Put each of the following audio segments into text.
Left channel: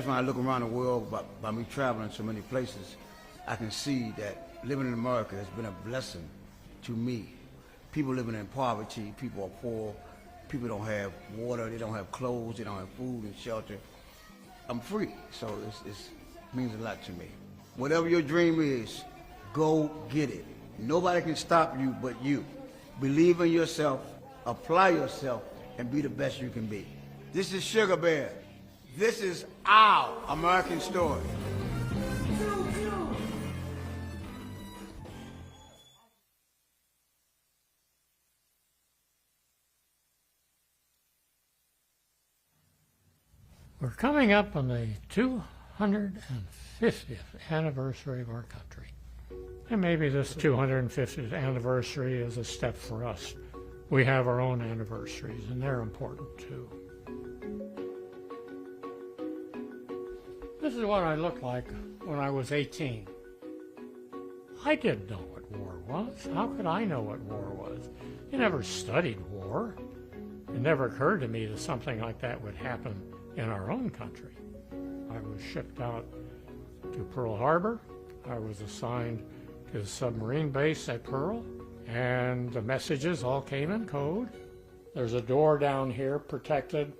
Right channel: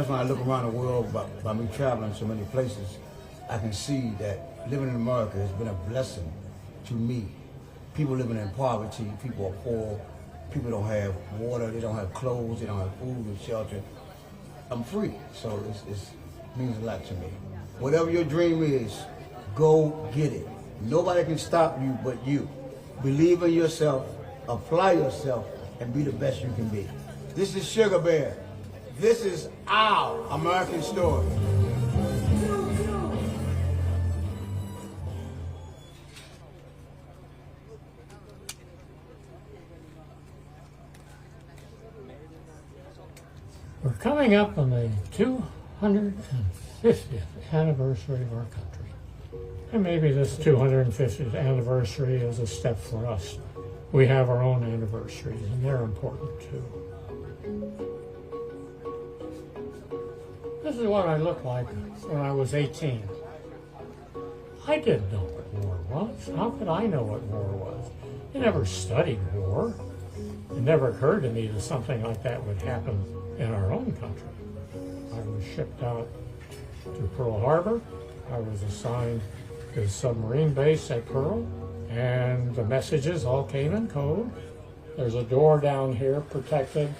because when I look around the world by me traveling so many places, I can see that living in America has been a blessing to me. People living in poverty, people are poor, people don't have water, they don't have clothes, they don't have food and shelter. I'm free, so it means a lot to me. Whatever your dream is, go get it. Nobody can stop you but you. Believe in yourself, apply yourself, and be the best you can be. This is Sugar Bear. This is our American story. We're coming up on the 250th anniversary of our country. And maybe this 250th anniversary is a step for us. We have our own anniversaries, and they're important too. This is what I looked like when I was 18. I didn't know what war was. How could I know what war was? I never studied war. It never occurred to me that something like that would happen in our own country. I was shipped out to Pearl Harbor. I was assigned to the submarine base at Pearl, and the messages all came in code. There's a door down here protected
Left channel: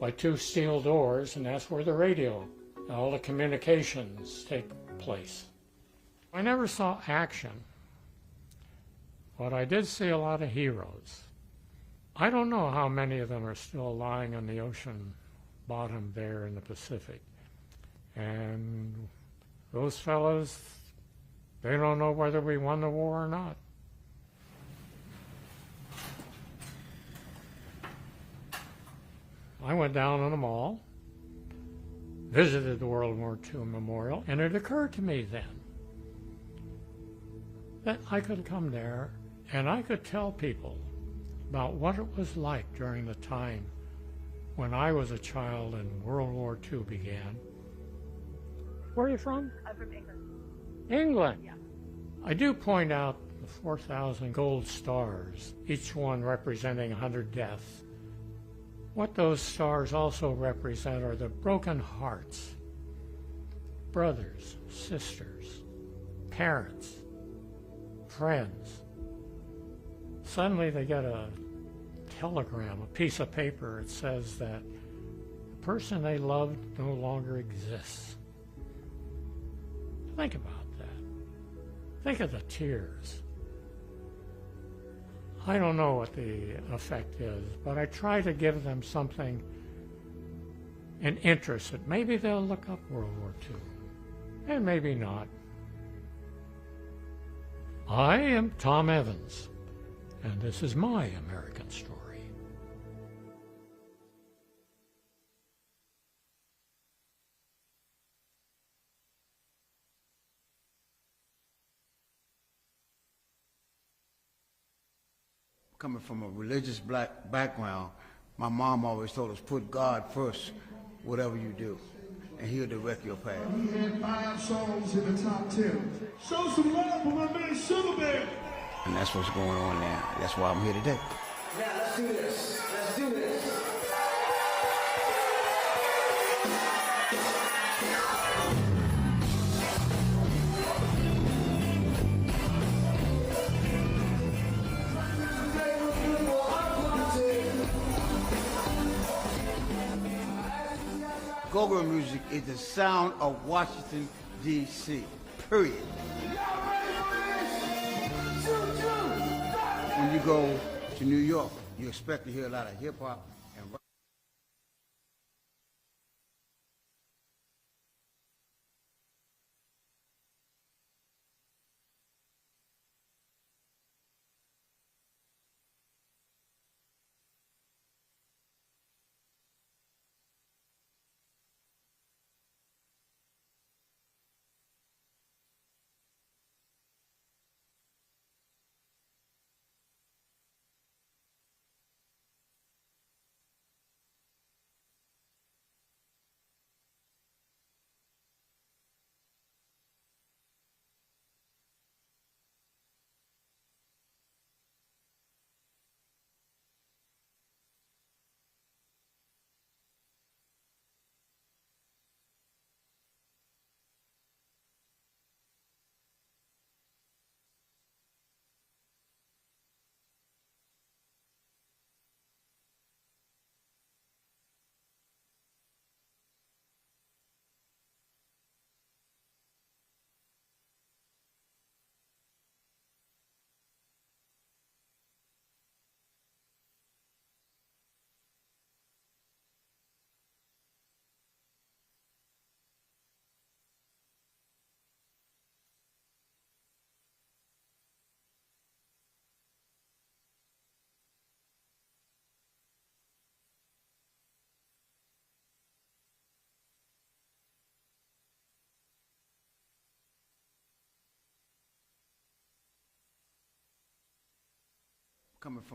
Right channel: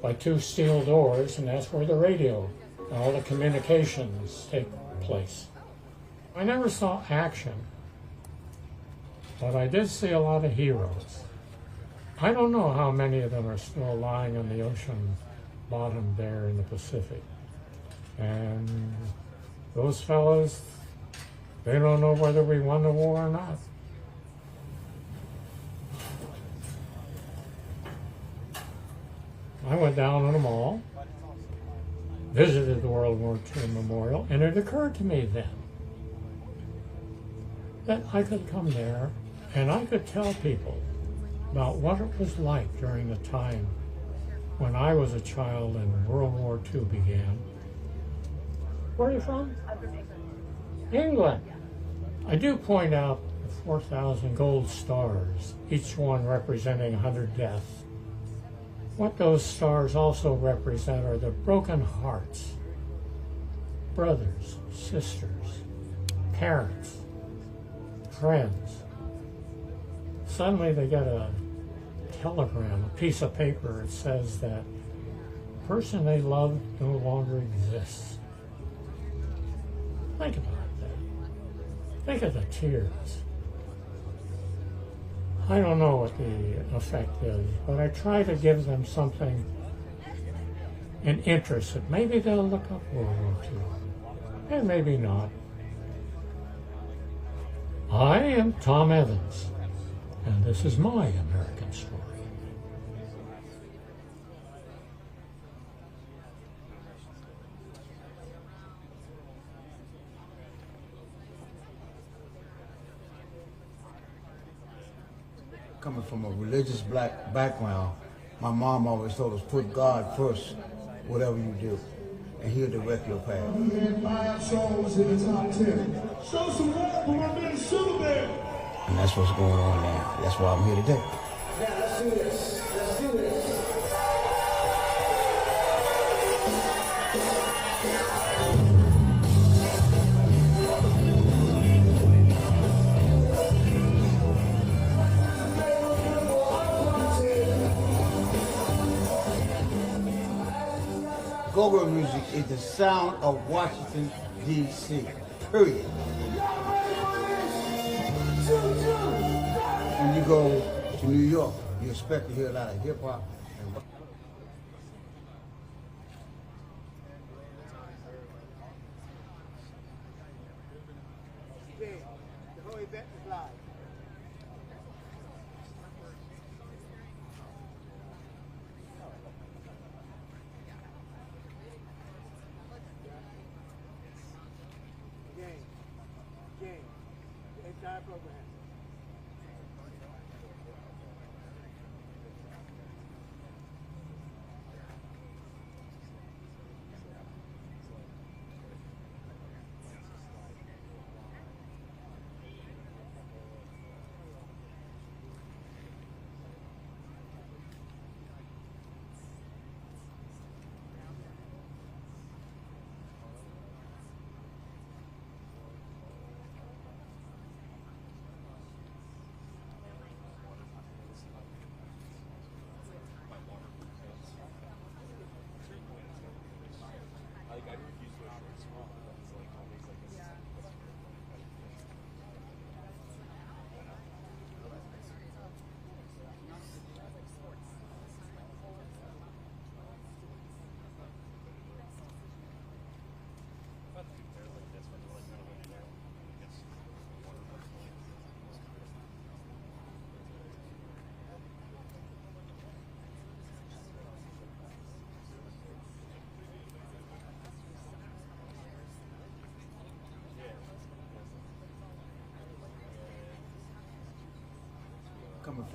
by 2 steel doors, and that's where the radio and all the communications take place. I never saw action, but I did see a lot of heroes. I don't know how many of them are still lying on the ocean bottom there in the Pacific. And those fellows, they don't know whether we won the war or not. I went down to the mall, visited the World War II Memorial, and it occurred to me then that I could come there and I could tell people about what it was like during the time when I was a child and World War II began. Where are you from? England. I do point out the 4,000 gold stars, each one representing 100 deaths. What those stars also represent are the broken hearts, brothers, sisters, parents, friends. Suddenly they get a telegram, a piece of paper that says that the person they love no longer exists. Think about that. Think of the tears. I don't know what the effect is, but I try to give them something, an interest that maybe they'll look up World War II, and maybe not. I am Tom Evans, and this is my American story. Coming from a religious black background, my mom always told us, put God first, whatever you do, and He'll direct your path. We had 5 songs in the top 10. Show some love for my man Sugar Bear. And that's what's going on now. That's why I'm here today. Yeah, let's do this. Let's do this. Go-go music is the sound of Washington, D.C., period. When you go to New York, you expect to hear a lot of hip-hop. The whole event is live. Game. The entire program.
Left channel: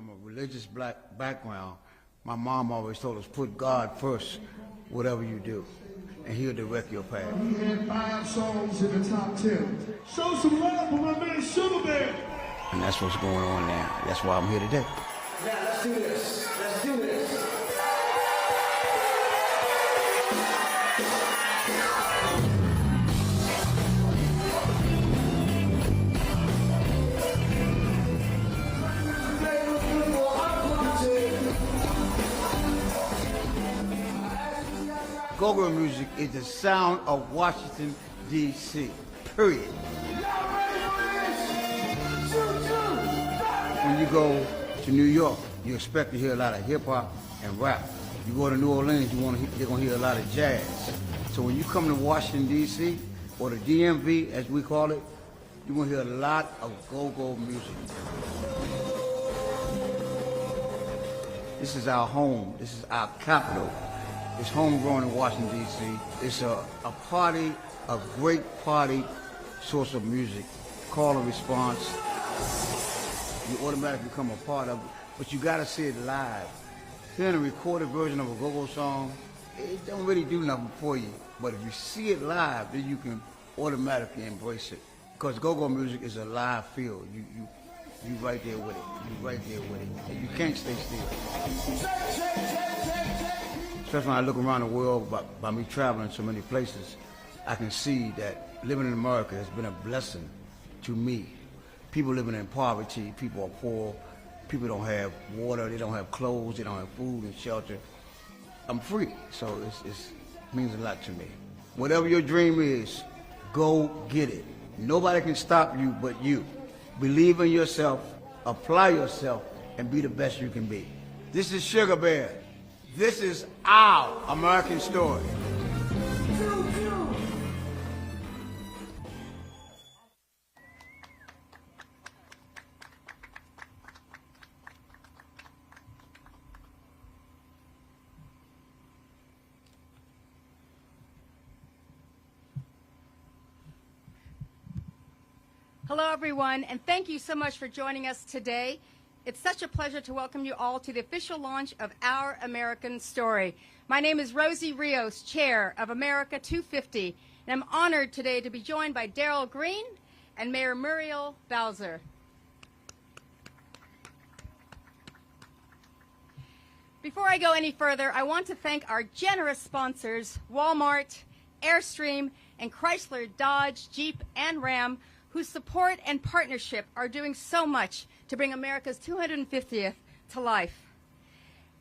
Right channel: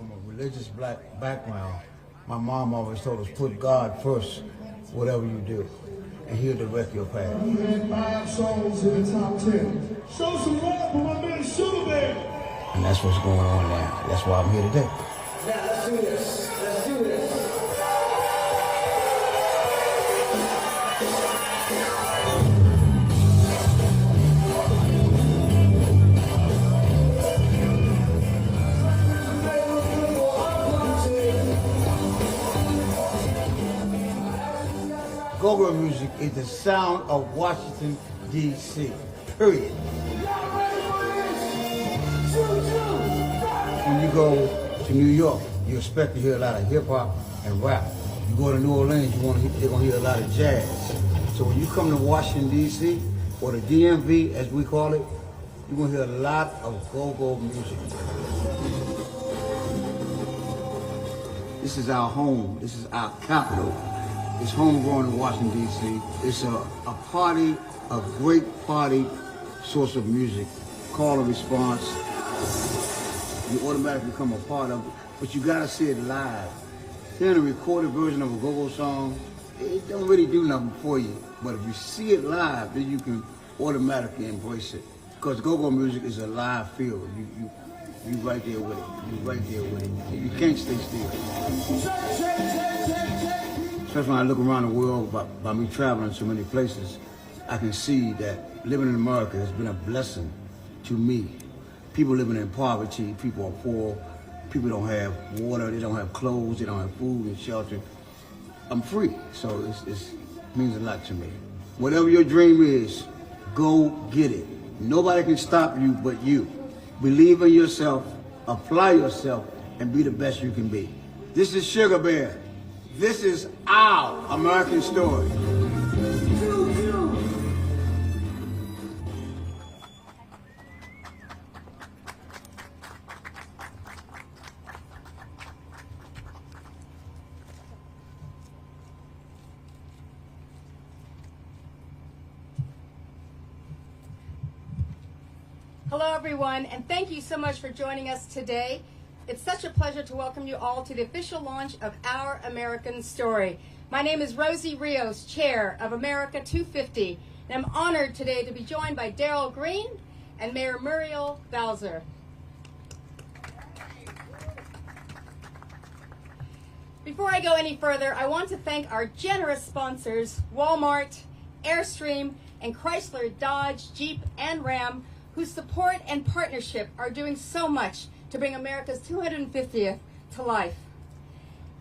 from a religious black background, my mom always told us, put God first, whatever you do, and He'll direct your path. He had 5 songs in the top 10. Show some love for my man Sugar Bear. And that's what's going on now. That's why I'm here today. Now let's do this. Let's do this. Go-go music is the sound of Washington, D.C., period. When you go to New York, you expect to hear a lot of hip-hop and rap. You go to New Orleans, you're going to hear a lot of jazz. So when you come to Washington, D.C., or the DMV, as we call it, you're going to hear a lot of go-go music. This is our home. This is our capital. It's homegrown in Washington, D.C. It's a party, a great party source of music. Call and response. You automatically become a part of it, but you gotta see it live. Hearing a recorded version of a go-go song, it don't really do nothing for you. But if you see it live, then you can automatically embrace it. Because go-go music is a live feel. You right there with it. You right there with it. You can't stay still. Especially when I look around the world by me traveling so many places, I can see that living in America has been a blessing to me. People living in poverty, people are poor, people don't have water, they don't have clothes, they don't have food and shelter. I'm free, so it means a lot to me. Whatever your dream is, go get it. Nobody can stop you but you. Believe in yourself, apply yourself, and be the best you can be. This is Sugar Bear. This is our American story. Hello everyone, and thank you so much for joining us today. It's such a pleasure to welcome you all to the official launch of Our American Story. My name is Rosie Rios, Chair of America 250, and I'm honored today to be joined by Darrell Green and Mayor Muriel Bowser. Before I go any further, I want to thank our generous sponsors, Walmart, Airstream, and Chrysler, Dodge, Jeep, and Ram, whose support and partnership are doing so much to bring America's 250th to life.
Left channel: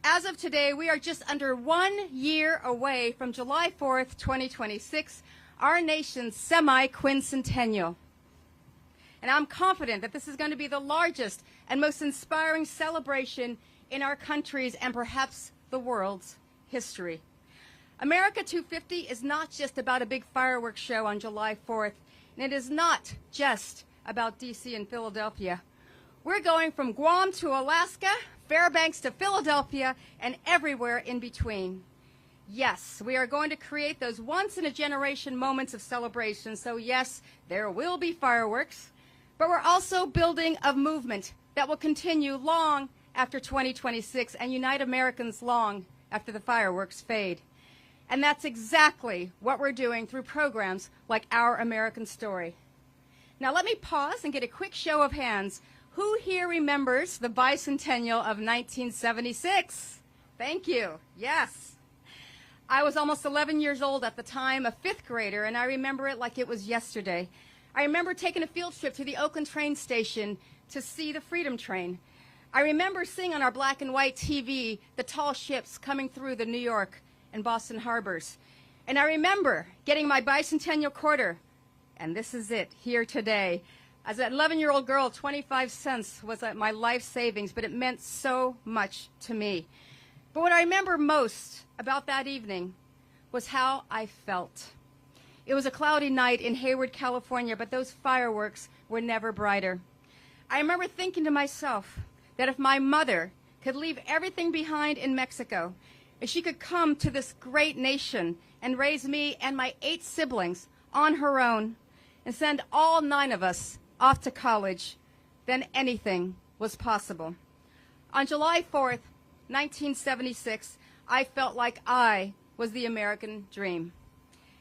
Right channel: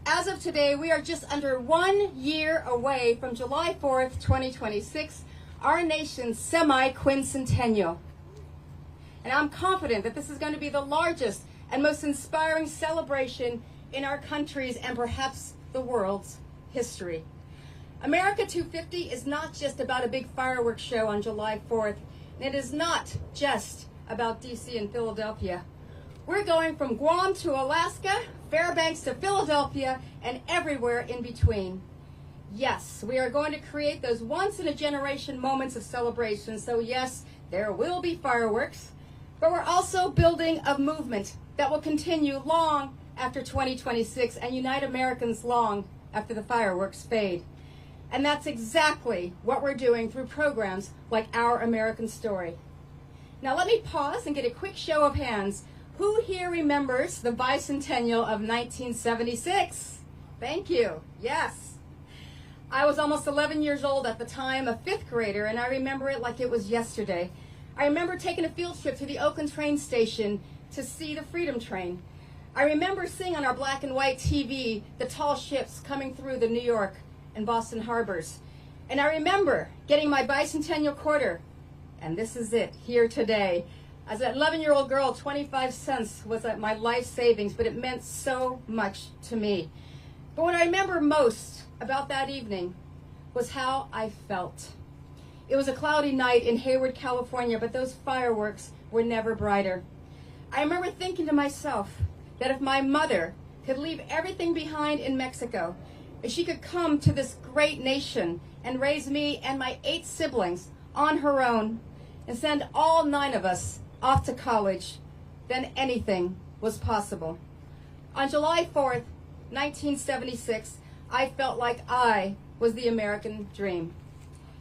As of today, we are just under 1 year away from July 4th, 2026, our nation's semi-quincentennial. And I'm confident that this is going to be the largest and most inspiring celebration in our country's and perhaps the world's history. America 250 is not just about a big fireworks show on July 4th, and it is not just about DC and Philadelphia. We're going from Guam to Alaska, Fairbanks to Philadelphia, and everywhere in between. Yes, we are going to create those once-in-a-generation moments of celebration. So yes, there will be fireworks, but we're also building a movement that will continue long after 2026 and unite Americans long after the fireworks fade. And that's exactly what we're doing through programs like Our American Story. Now let me pause and get a quick show of hands. Who here remembers the bicentennial of 1976? Thank you. Yes. I was almost 11 years old at the time, a 5th grader, and I remember it like it was yesterday. I remember taking a field trip to the Oakland train station to see the Freedom Train. I remember seeing on our black and white TV the tall ships coming through the New York and Boston harbors. And I remember getting my bicentennial quarter, and this is it, here today. As an 11-year-old girl, 25 cents was my life savings, but it meant so much to me. But what I remember most about that evening was how I felt. It was a cloudy night in Hayward, California, but those fireworks were never brighter. I remember thinking to myself that if my mother could leave everything behind in Mexico, if she could come to this great nation and raise me and my 8 siblings on her own and send all 9 of us off to college, then anything was possible. On July 4th, 1976, I felt like I was the American dream.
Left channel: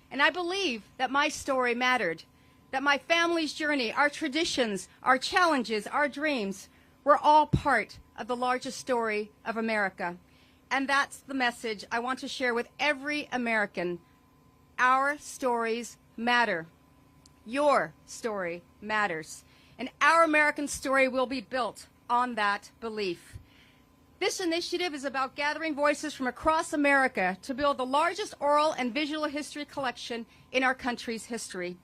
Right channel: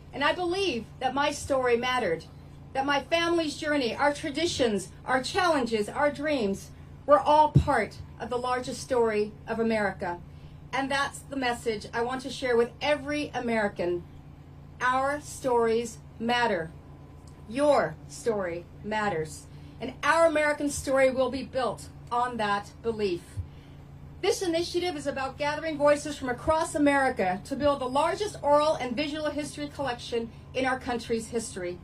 And I believe that my story mattered, that my family's journey, our traditions, our challenges, our dreams were all part of the largest story of America. And that's the message I want to share with every American. Our stories matter. Your story matters. And our American story will be built on that belief. This initiative is about gathering voices from across America to build the largest oral and visual history collection in our country's history.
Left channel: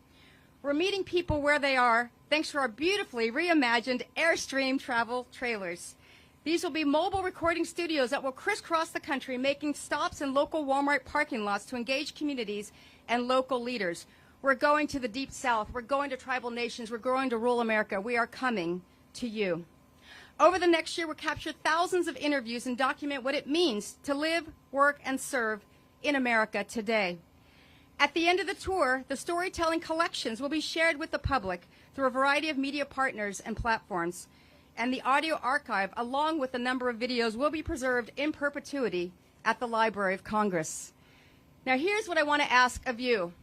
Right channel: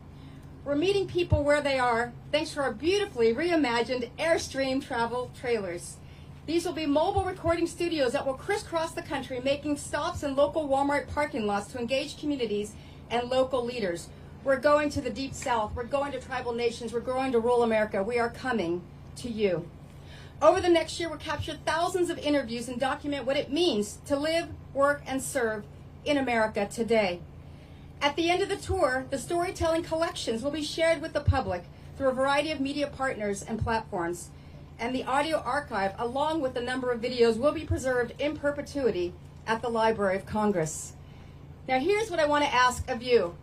We're meeting people where they are thanks to our beautifully reimagined Airstream travel trailers. These will be mobile recording studios that will crisscross the country, making stops in local Walmart parking lots to engage communities and local leaders. We're going to the Deep South. We're going to tribal nations. We're going to rural America. We are coming to you. Over the next year, we'll capture thousands of interviews and document what it means to live, work, and serve in America today. At the end of the tour, the storytelling collections will be shared with the public through a variety of media partners and platforms. And the audio archive, along with a number of videos, will be preserved in perpetuity at the Library of Congress. Now, here's what I want to ask of you.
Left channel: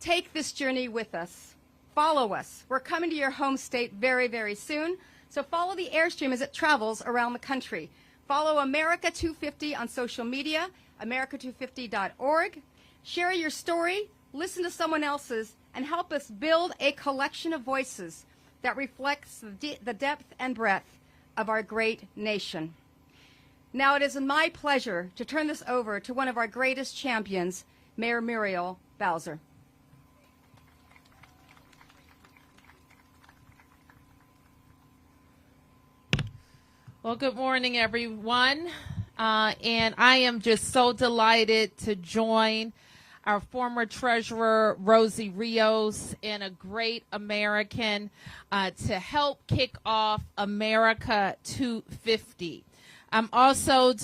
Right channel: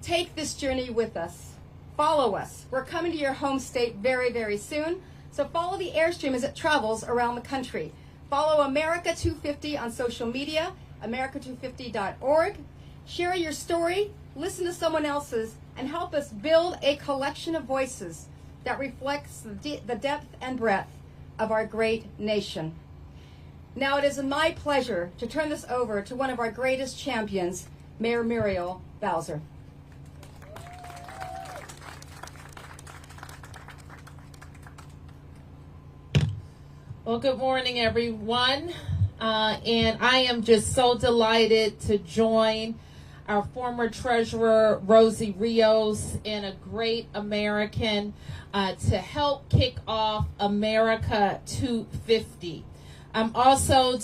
Take this journey with us. Follow us. We're coming to your home state very, very soon. So follow the Airstream as it travels around the country. Follow America 250 on social media, america250.org. Share your story, listen to someone else's, and help us build a collection of voices that reflects the depth and breadth of our great nation. Now it is my pleasure to turn this over to one of our greatest champions, Mayor Muriel Bowser. Well, good morning, everyone. And I am just so delighted to join our former treasurer, Rosie Rios, and a great American to help kick off America 250. I'm also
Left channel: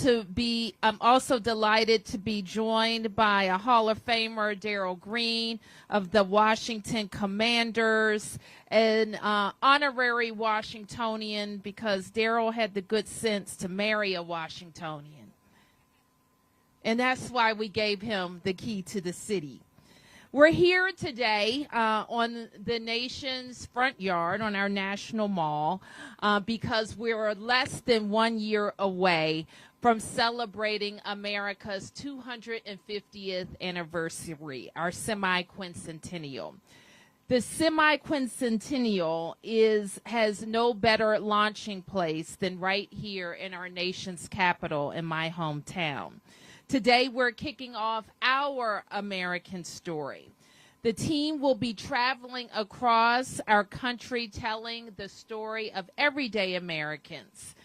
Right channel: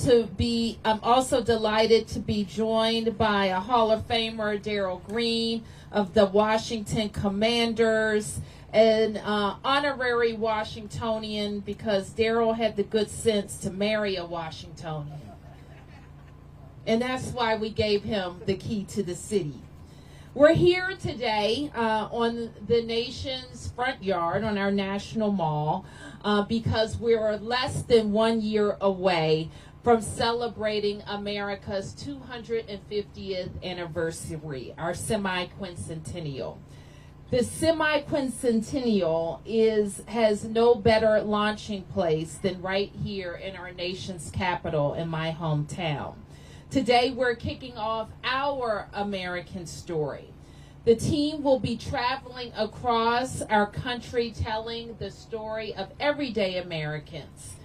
delighted to be joined by a Hall of Famer, Darrell Green of the Washington Commanders, an honorary Washingtonian because Darrell had the good sense to marry a Washingtonian. And that's why we gave him the key to the city. We're here today on the nation's front yard, on our national mall, because we're less than 1 year away from celebrating America's 250th anniversary, our semi-quincentennial. The semi-quincentennial has no better launching place than right here in our nation's capital in my hometown. Today we're kicking off our American story. The team will be traveling across our country telling the story of everyday Americans.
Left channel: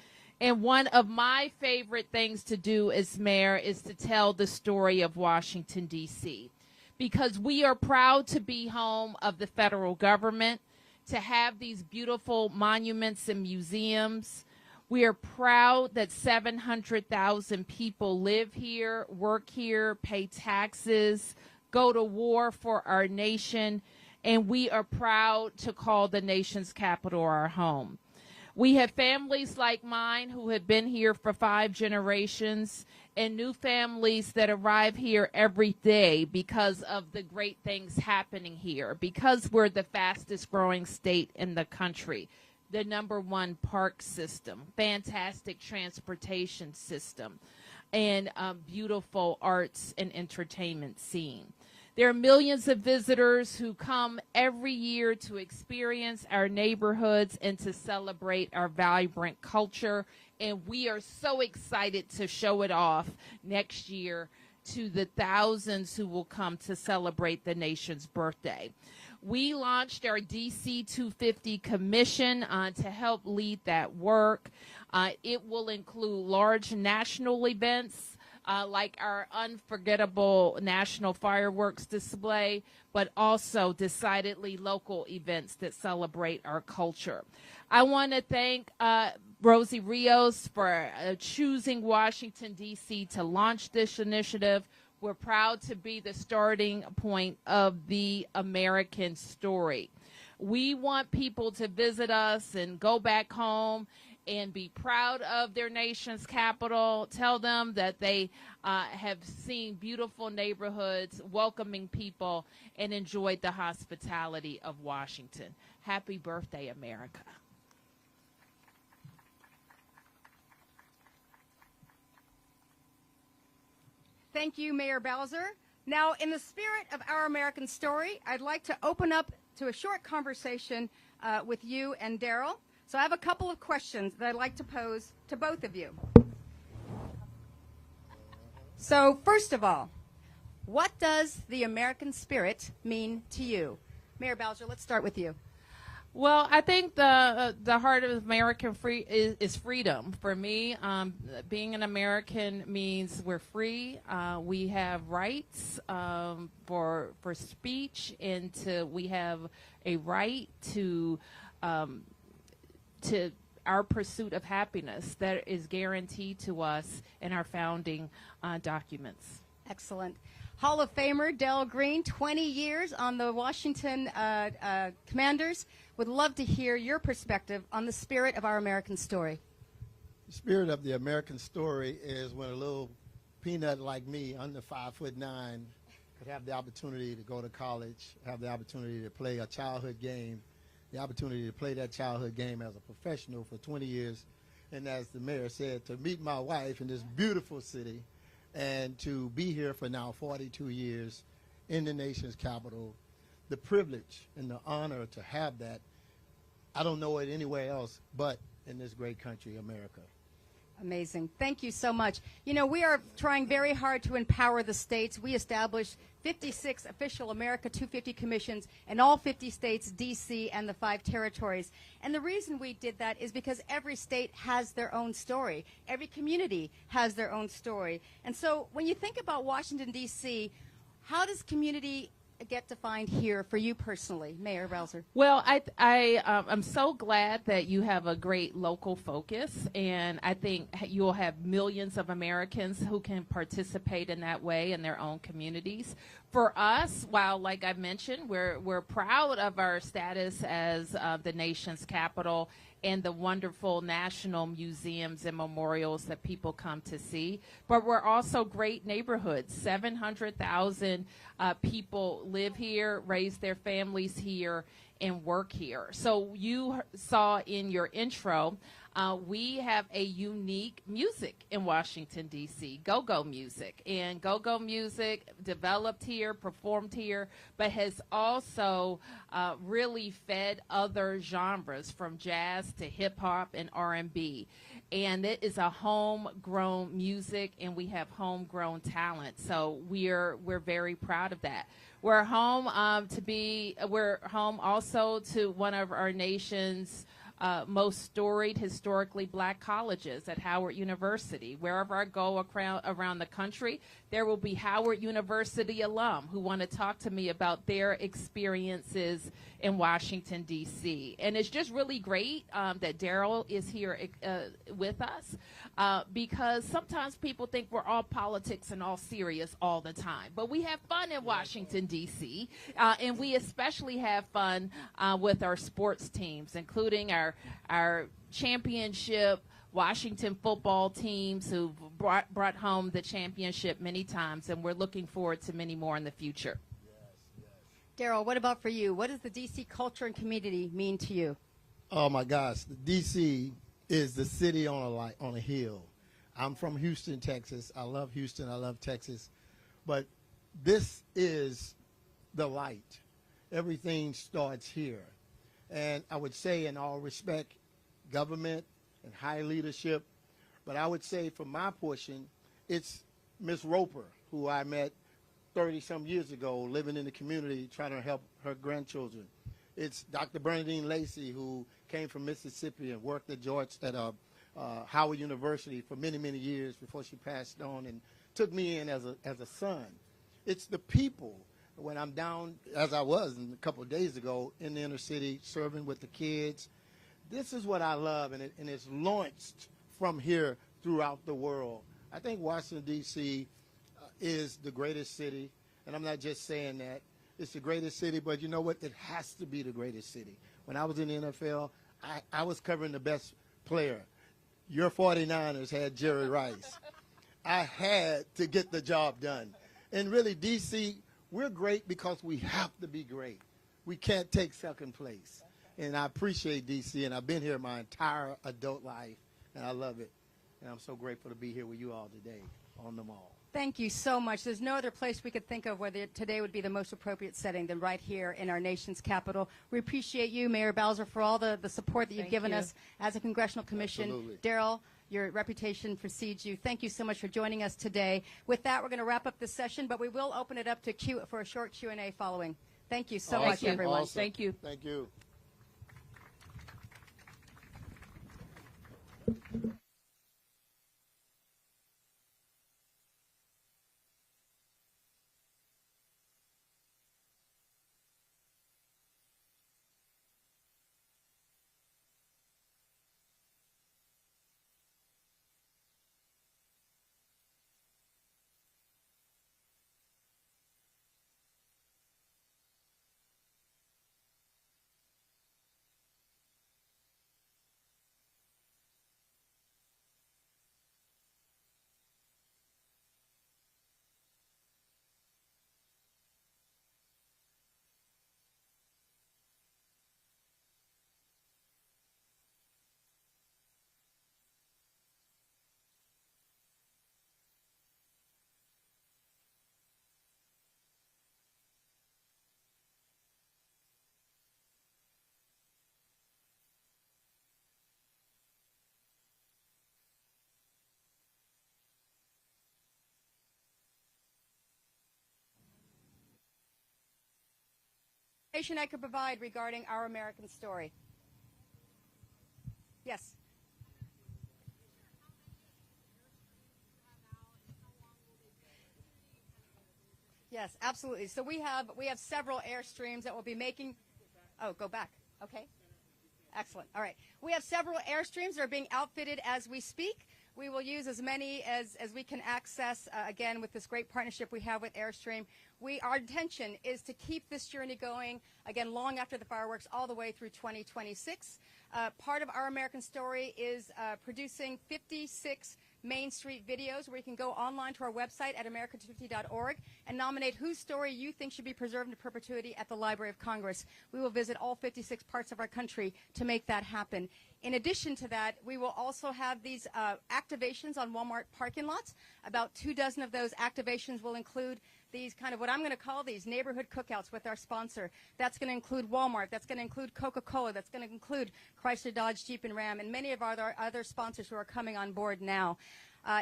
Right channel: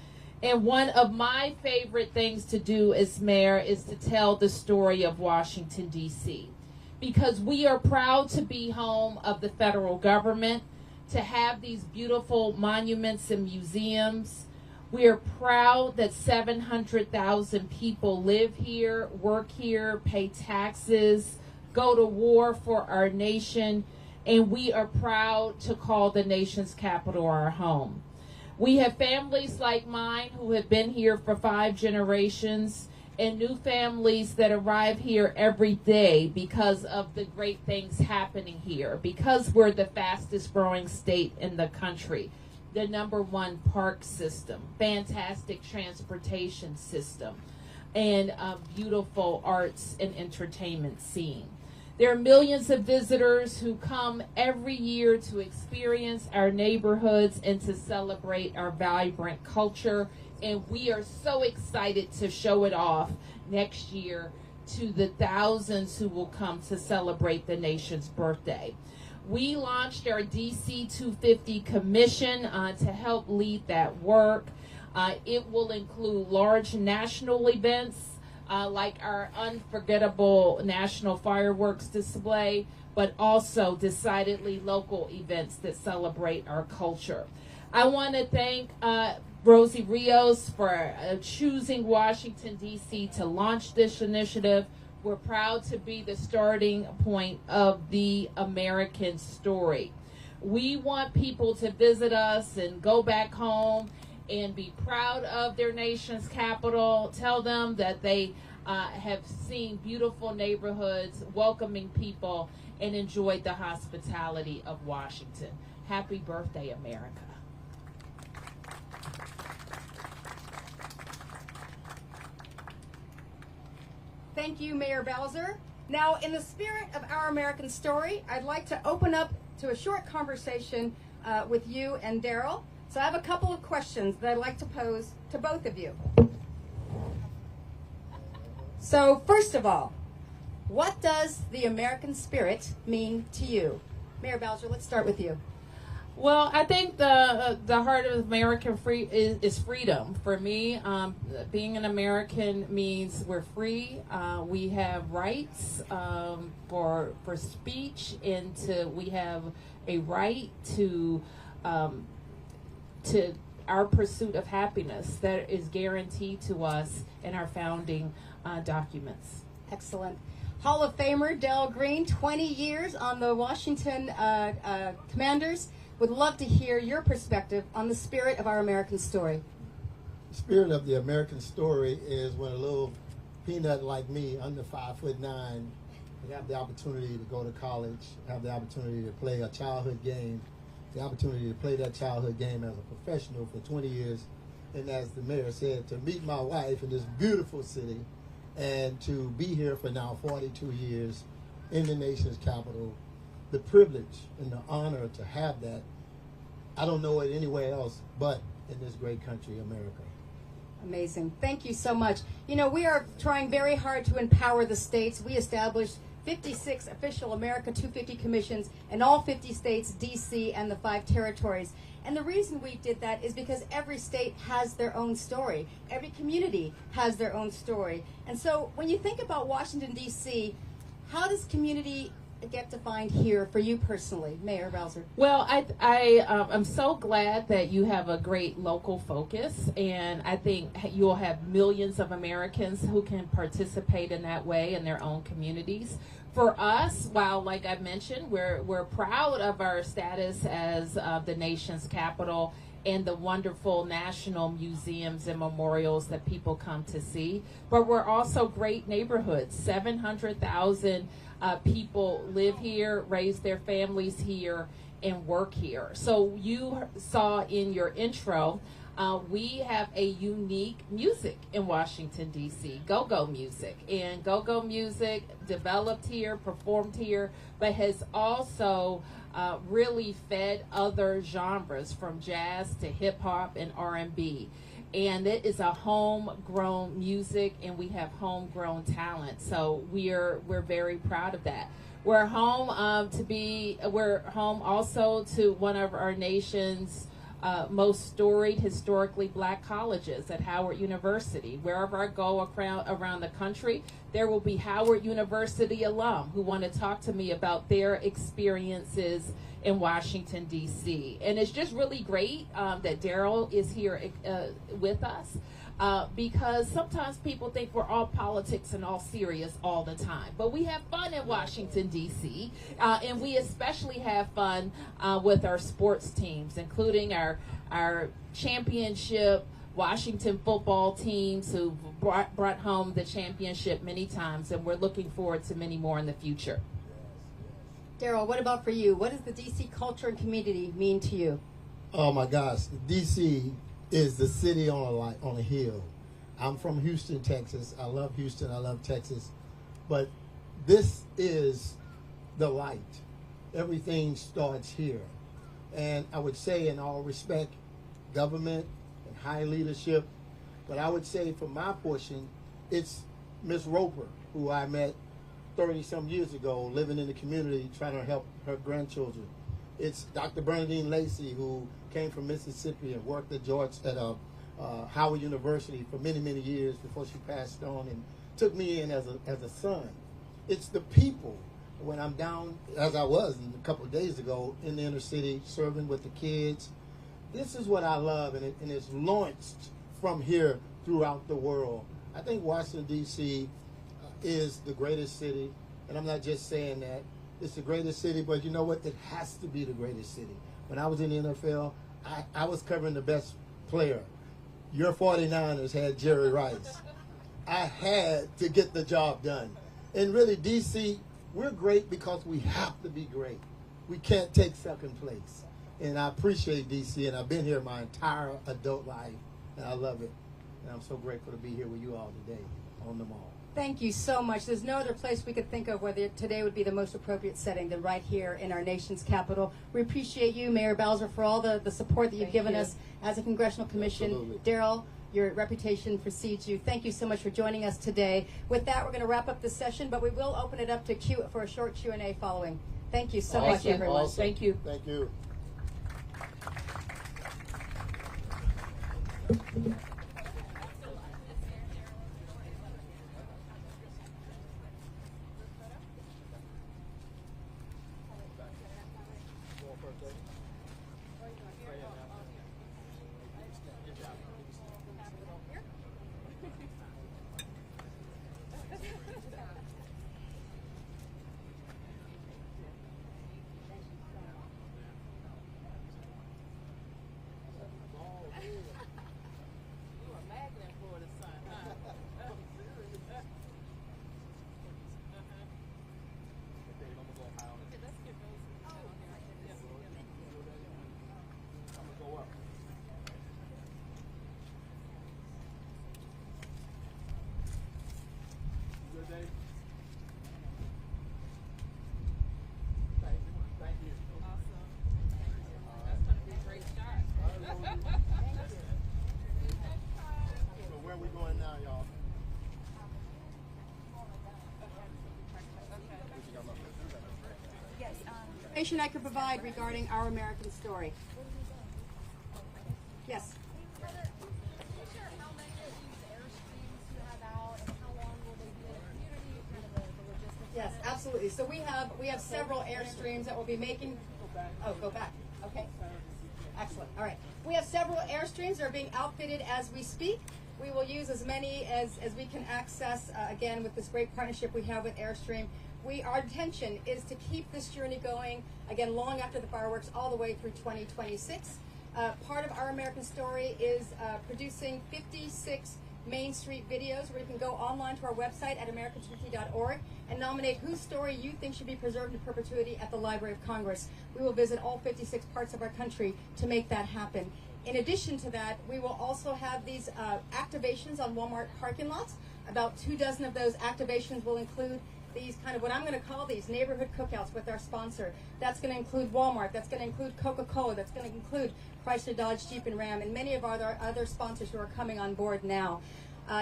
And one of my favorite things to do as mayor is to tell the story of Washington, D.C. Because we are proud to be home of the federal government, to have these beautiful monuments and museums. We are proud that 700,000 people live here, work here, pay taxes, go to war for our nation, and we are proud to call the nation's capital our home. We have families like mine who have been here for 5 generations, and new families that arrive here every day because of the great things happening here, because we're the fastest growing state in the country, the #1 park system, fantastic transportation system, and a beautiful arts and entertainment scene. There are millions of visitors who come every year to experience our neighborhoods and to celebrate our vibrant culture. And we are so excited to show it off next year to the thousands who will come to celebrate the nation's birthday. We launched our DC 250 Commission to help lead that work. It will include large national events like our unforgettable national fireworks display, but also decidedly local events that celebrate our culture. I want to thank Rosie Rios for choosing Washington, D.C. to launch this initiative. We're proud to be the starting point of the American story. We want people to visit us and go back home and be proud of their nation's capital. Tell them that they have seen beautiful neighborhoods, welcoming people, and enjoyed the hospitality of Washington. Happy birthday, America. Thank you, Mayor Bowser. Now, in the spirit of Our American Story, I'd like to open up to a short conversation with you and Daryl. So I have a couple of questions that I'd like to pose to both of you. So first of all, what does the American spirit mean to you? Mayor Bowser, let's start with you. Well, I think the heart of American is freedom. For me, being an American means we're free. We have rights for speech, and we have a right to our pursuit of happiness that is guaranteed to us in our founding documents. Excellent. Hall of Famer Dale Green, 20 years on the Washington Commanders. Would love to hear your perspective on the spirit of Our American Story. The spirit of the American story is when a little peanut like me, under 5'9", have the opportunity to go to college, have the opportunity to play a childhood game, the opportunity to play that childhood game as a professional for 20 years, and as the mayor said, to meet my wife in this beautiful city, and to be here for now 42 years in the nation's capital. The privilege and the honor to have that, I don't know it anywhere else but in this great country, America. Amazing. Thank you so much. You know, we are trying very hard to empower the states. We established 56 official America 250 commissions in all 50 states, D.C., and the 5 territories. And the reason we did that is because every state has their own story. Every community has their own story. And so when you think about Washington, D.C., how does community get defined here for you personally, Mayor Bowser? Well, I'm so glad that you have a great local focus, and I think you will have millions of Americans who can participate in that way in their own communities. For us, while, like I mentioned, we're proud of our status as the nation's capital and the wonderful national museums and memorials that people come to see, but we're also great neighborhoods. 700,000 people live here, raise their families here, and work here. So you saw in your intro, we have a unique music in Washington, D.C., go-go music. And go-go music developed here, performed here, but has also really fed other genres from jazz to hip-hop and R&B. And it is a homegrown music, and we have homegrown talent. So we're very proud of that. We're home we're home also to one of our nation's most storied historically black colleges at Howard University. Wherever I go around the country, there will be Howard University alum who want to talk to me about their experiences in Washington, D.C. And it's just really great that Daryl is here with us because sometimes people think we're all politics and all serious all the time. But we have fun in Washington, D.C., and we especially have fun with our sports teams, including our championship Washington football teams who brought home the championship many times, and we're looking forward to many more in the future. Daryl, what about for you? What does the D.C. culture and community mean to you? Oh my gosh, D.C. is the city on a hill. I'm from Houston, Texas. I love Houston. I love Texas. But this is the light. Everything starts here. And I would say, in all respect, government and high leadership, but I would say for my portion, it's Miss Roper, who I met 30-some years ago, living in the community, trying to help her grandchildren. It's Dr. Bernadine Lacey, who came from Mississippi and worked at Howard University for many, many years before she passed on and took me in as a son. It's the people. When I'm down, as I was a couple of days ago, in the inner city, serving with the kids, this is what I love, and it's launched from here throughout the world. I think Washington, D.C. is the greatest city, and I'm not just saying that. It's the greatest city, but you know what? It has to be the greatest city. When I was in the NFL, I was covering the best player. your 49ers had Jerry Rice. I had to get the job done. And really, DC, we're great because we have to be great. We can't take second place. And I appreciate DC, and I've been here my entire adult life, and I love it. And I'm so grateful to be here with you all today on the mall. Thank you so much. There's no other place we could think of where today would be the most appropriate setting than right here in our nation's capital. We appreciate you, Mayor Bowser, for all the support that you've given us as a congressional commission. Absolutely. Daryl, your reputation precedes you. Thank you so much for joining us today. With that, we're going to wrap up this session, but we will open it up to for a short Q&A following. Thank you so much, everyone. Awesome. Thank you. Thank you. Information I could provide regarding our American story. Yes. Yes, absolutely. So we have several Airstreams that will be making. Oh, go back. Okay. Excellent. All right. We have several Airstreams that are being outfitted as we speak. We will use as many as we can access, again, with this great partnership we have with Airstream. Our intention is to keep this journey going, again, long after the fireworks, all the way through 2026. Part of Our American Story is producing 56 Main Street videos where you can go online to our website at american2t.org and nominate whose story you think should be preserved in perpetuity at the Library of Congress. We will visit all 56 parts of our country to make that happen. In addition to that, we will also have these activations on Walmart parking lots. About 24 of those activations will include these kind of what I'm going to call these neighborhood cookouts with our sponsor. That's going to include Walmart. That's going to include Coca-Cola. That's going to include Chrysler, Dodge, Jeep, and Ram, and many of our other sponsors who are coming on board now.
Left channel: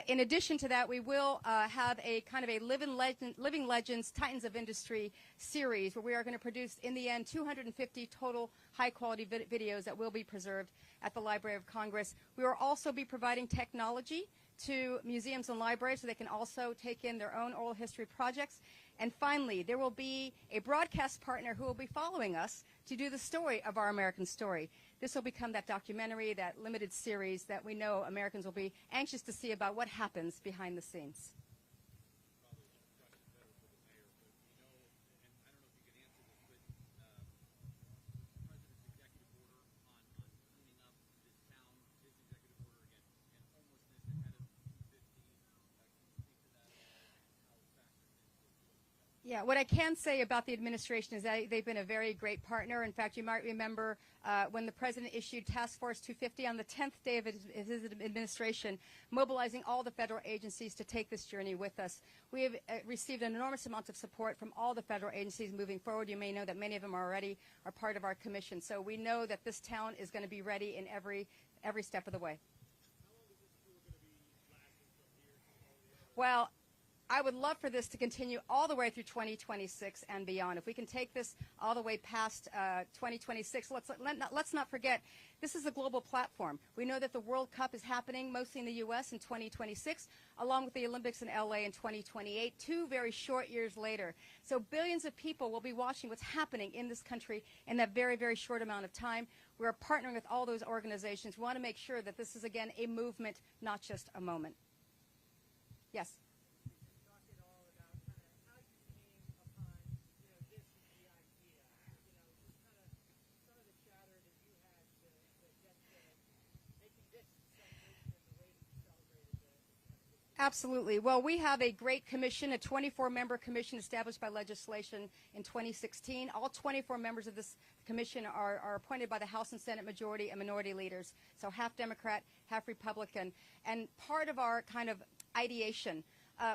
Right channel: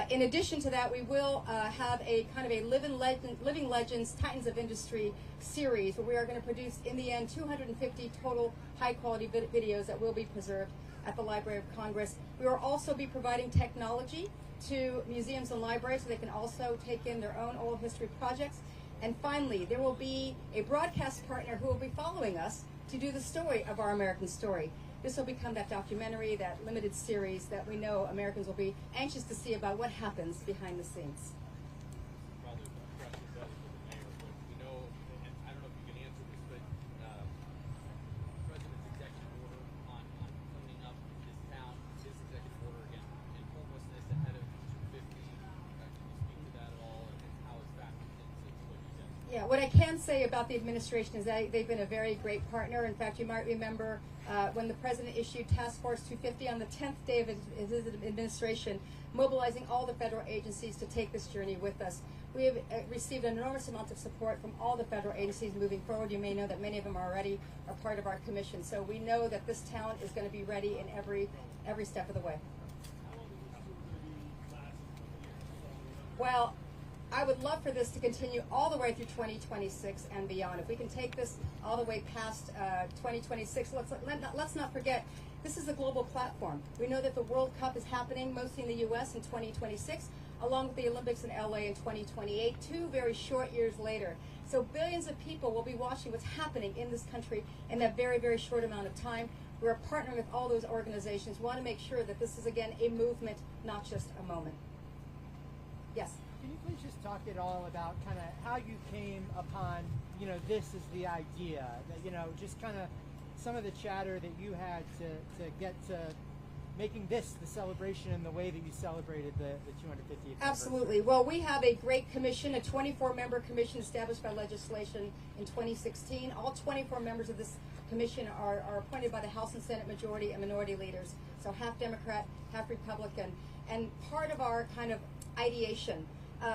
In addition to that, we will have a kind of a Living Legends, Titans of Industry series where we are going to produce, in the end, 250 total high-quality videos that will be preserved at the Library of Congress. We will also be providing technology to museums and libraries so they can also take in their own oral history projects. And finally, there will be a broadcast partner who will be following us to do the story of Our American Story. This will become that documentary, that limited series that we know Americans will be anxious to see about what happens behind the scenes. Probably the question is better for the mayor, but we know, and I don't know if you can answer this, but the president's executive order on cleaning up this town, his executive order against homelessness ahead of 250. Can you speak to that at all, and how it's factored into what you said? Yeah, what I can say about the administration is that they've been a very great partner. In fact, you might remember when the president issued Task Force 250 on the 10th day of his administration, mobilizing all the federal agencies to take this journey with us. We have received an enormous amount of support from all the federal agencies moving forward. You may know that many of them are part of our commission. So we know that this town is going to be ready in every step of the way. Well, I would love for this to continue all the way through 2026 and beyond. If we can take this all the way past 2026, let's not forget, this is a global platform. We know that the World Cup is happening mostly in the U.S. in 2026, along with the Olympics in L.A. in 2028, 2 very short years later. So billions of people will be watching what's happening in this country in that very, very short amount of time. We're partnering with all those organizations. We want to make sure that this is, again, a movement, not just a moment. Yes? Can you please just talk at all about kind of how you came upon, this is the idea, that, just kind of some of the chatter that you had to get to making this the celebration in the way that you celebrated the 250th. Absolutely. Well, we have a great commission, a 24-member commission established by legislation in 2016. All 24 members of this commission are appointed by the House and Senate majority and minority leaders, so half Democrat, half Republican. And part of our kind of ideation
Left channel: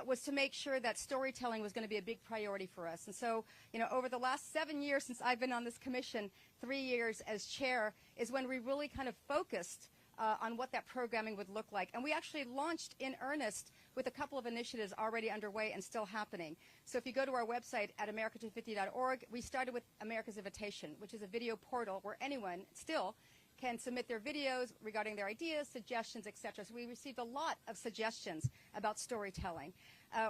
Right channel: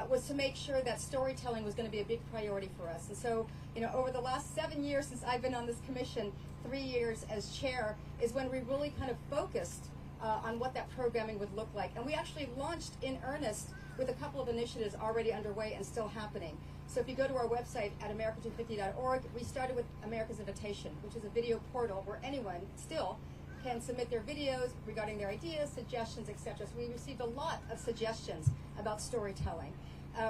was to make sure that storytelling was going to be a big priority for us. And so, you know, over the last 7 years since I've been on this commission, 3 years as chair, is when we really kind of focused on what that programming would look like. And we actually launched in earnest with a couple of initiatives already underway and still happening. So if you go to our website at america250.org, we started with America's Invitation, which is a video portal where anyone still can submit their videos regarding their ideas, suggestions, etc. So we received a lot of suggestions about storytelling.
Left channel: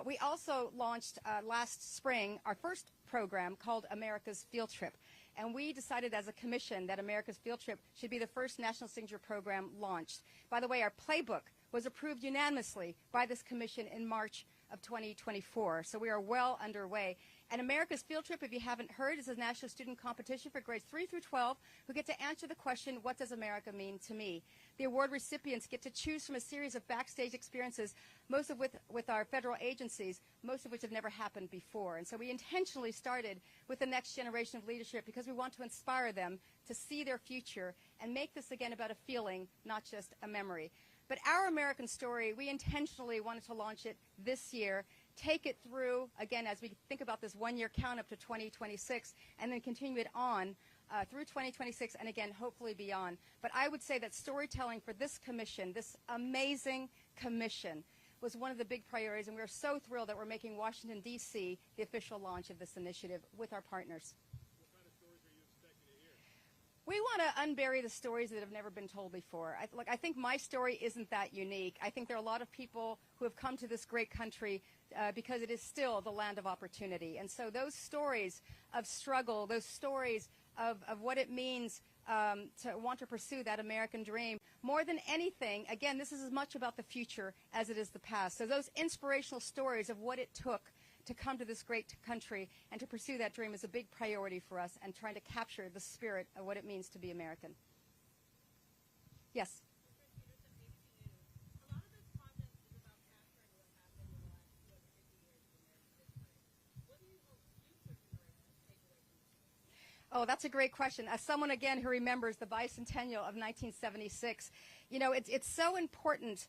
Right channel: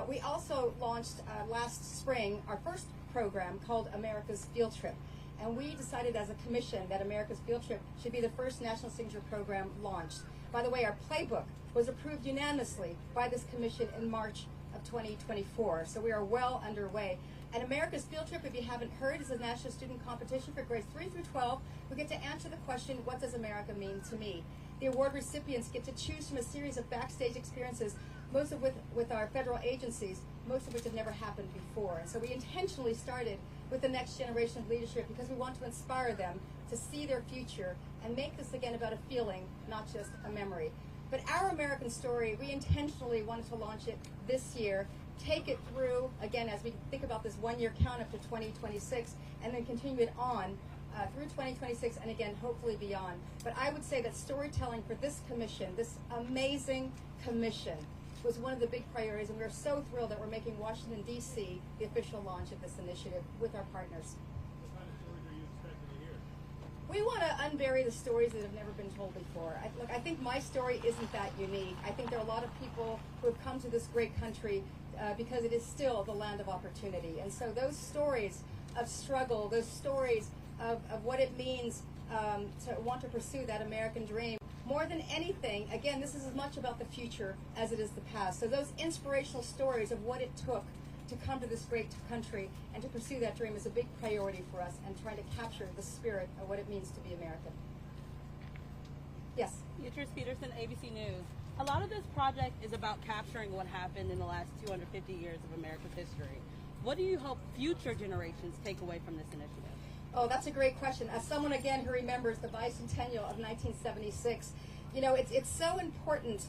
We also launched last spring our first program called America's Field Trip. And we decided as a commission that America's Field Trip should be the first national signature program launched. By the way, our playbook was approved unanimously by this commission in March of 2024. So we are well underway. And America's Field Trip, if you haven't heard, is a national student competition for grades 3 through 12 who get to answer the question, what does America mean to me? The award recipients get to choose from a series of backstage experiences, most of with our federal agencies, most of which have never happened before. And so we intentionally started with the next generation of leadership because we want to inspire them to see their future and make this again about a feeling, not just a memory. But our American story, we intentionally wanted to launch it this year, take it through, again, as we think about this one-year count up to 2026, and then continue it on through 2026 and again, hopefully beyond. But I would say that storytelling for this commission, this amazing commission, was one of the big priorities, and we're so thrilled that we're making Washington, D.C. the official launch of this initiative with our partners. What kind of stories are you expecting to hear? We want to unbury the stories that have never been told before. I think my story isn't that unique. I think there are a lot of people who have come to this great country because it is still the land of opportunity. And so those stories of struggle, those stories of what it means to want to pursue that American dream, more than anything, again, this is as much about the future as it is the past. So those inspirational stories of what it took to come to this great country and to pursue that dream is a big priority for us, and trying to capture the spirit of what it means to be American. Yes? Beatrice Peterson, ABC News. A lot of this project is about capturing what happened in the last 250 years of America's history. What do you hope future generations take away from this initiative? Oh, that's a great question. As someone, again, who remembers the bicentennial of 1976, you know, it's so important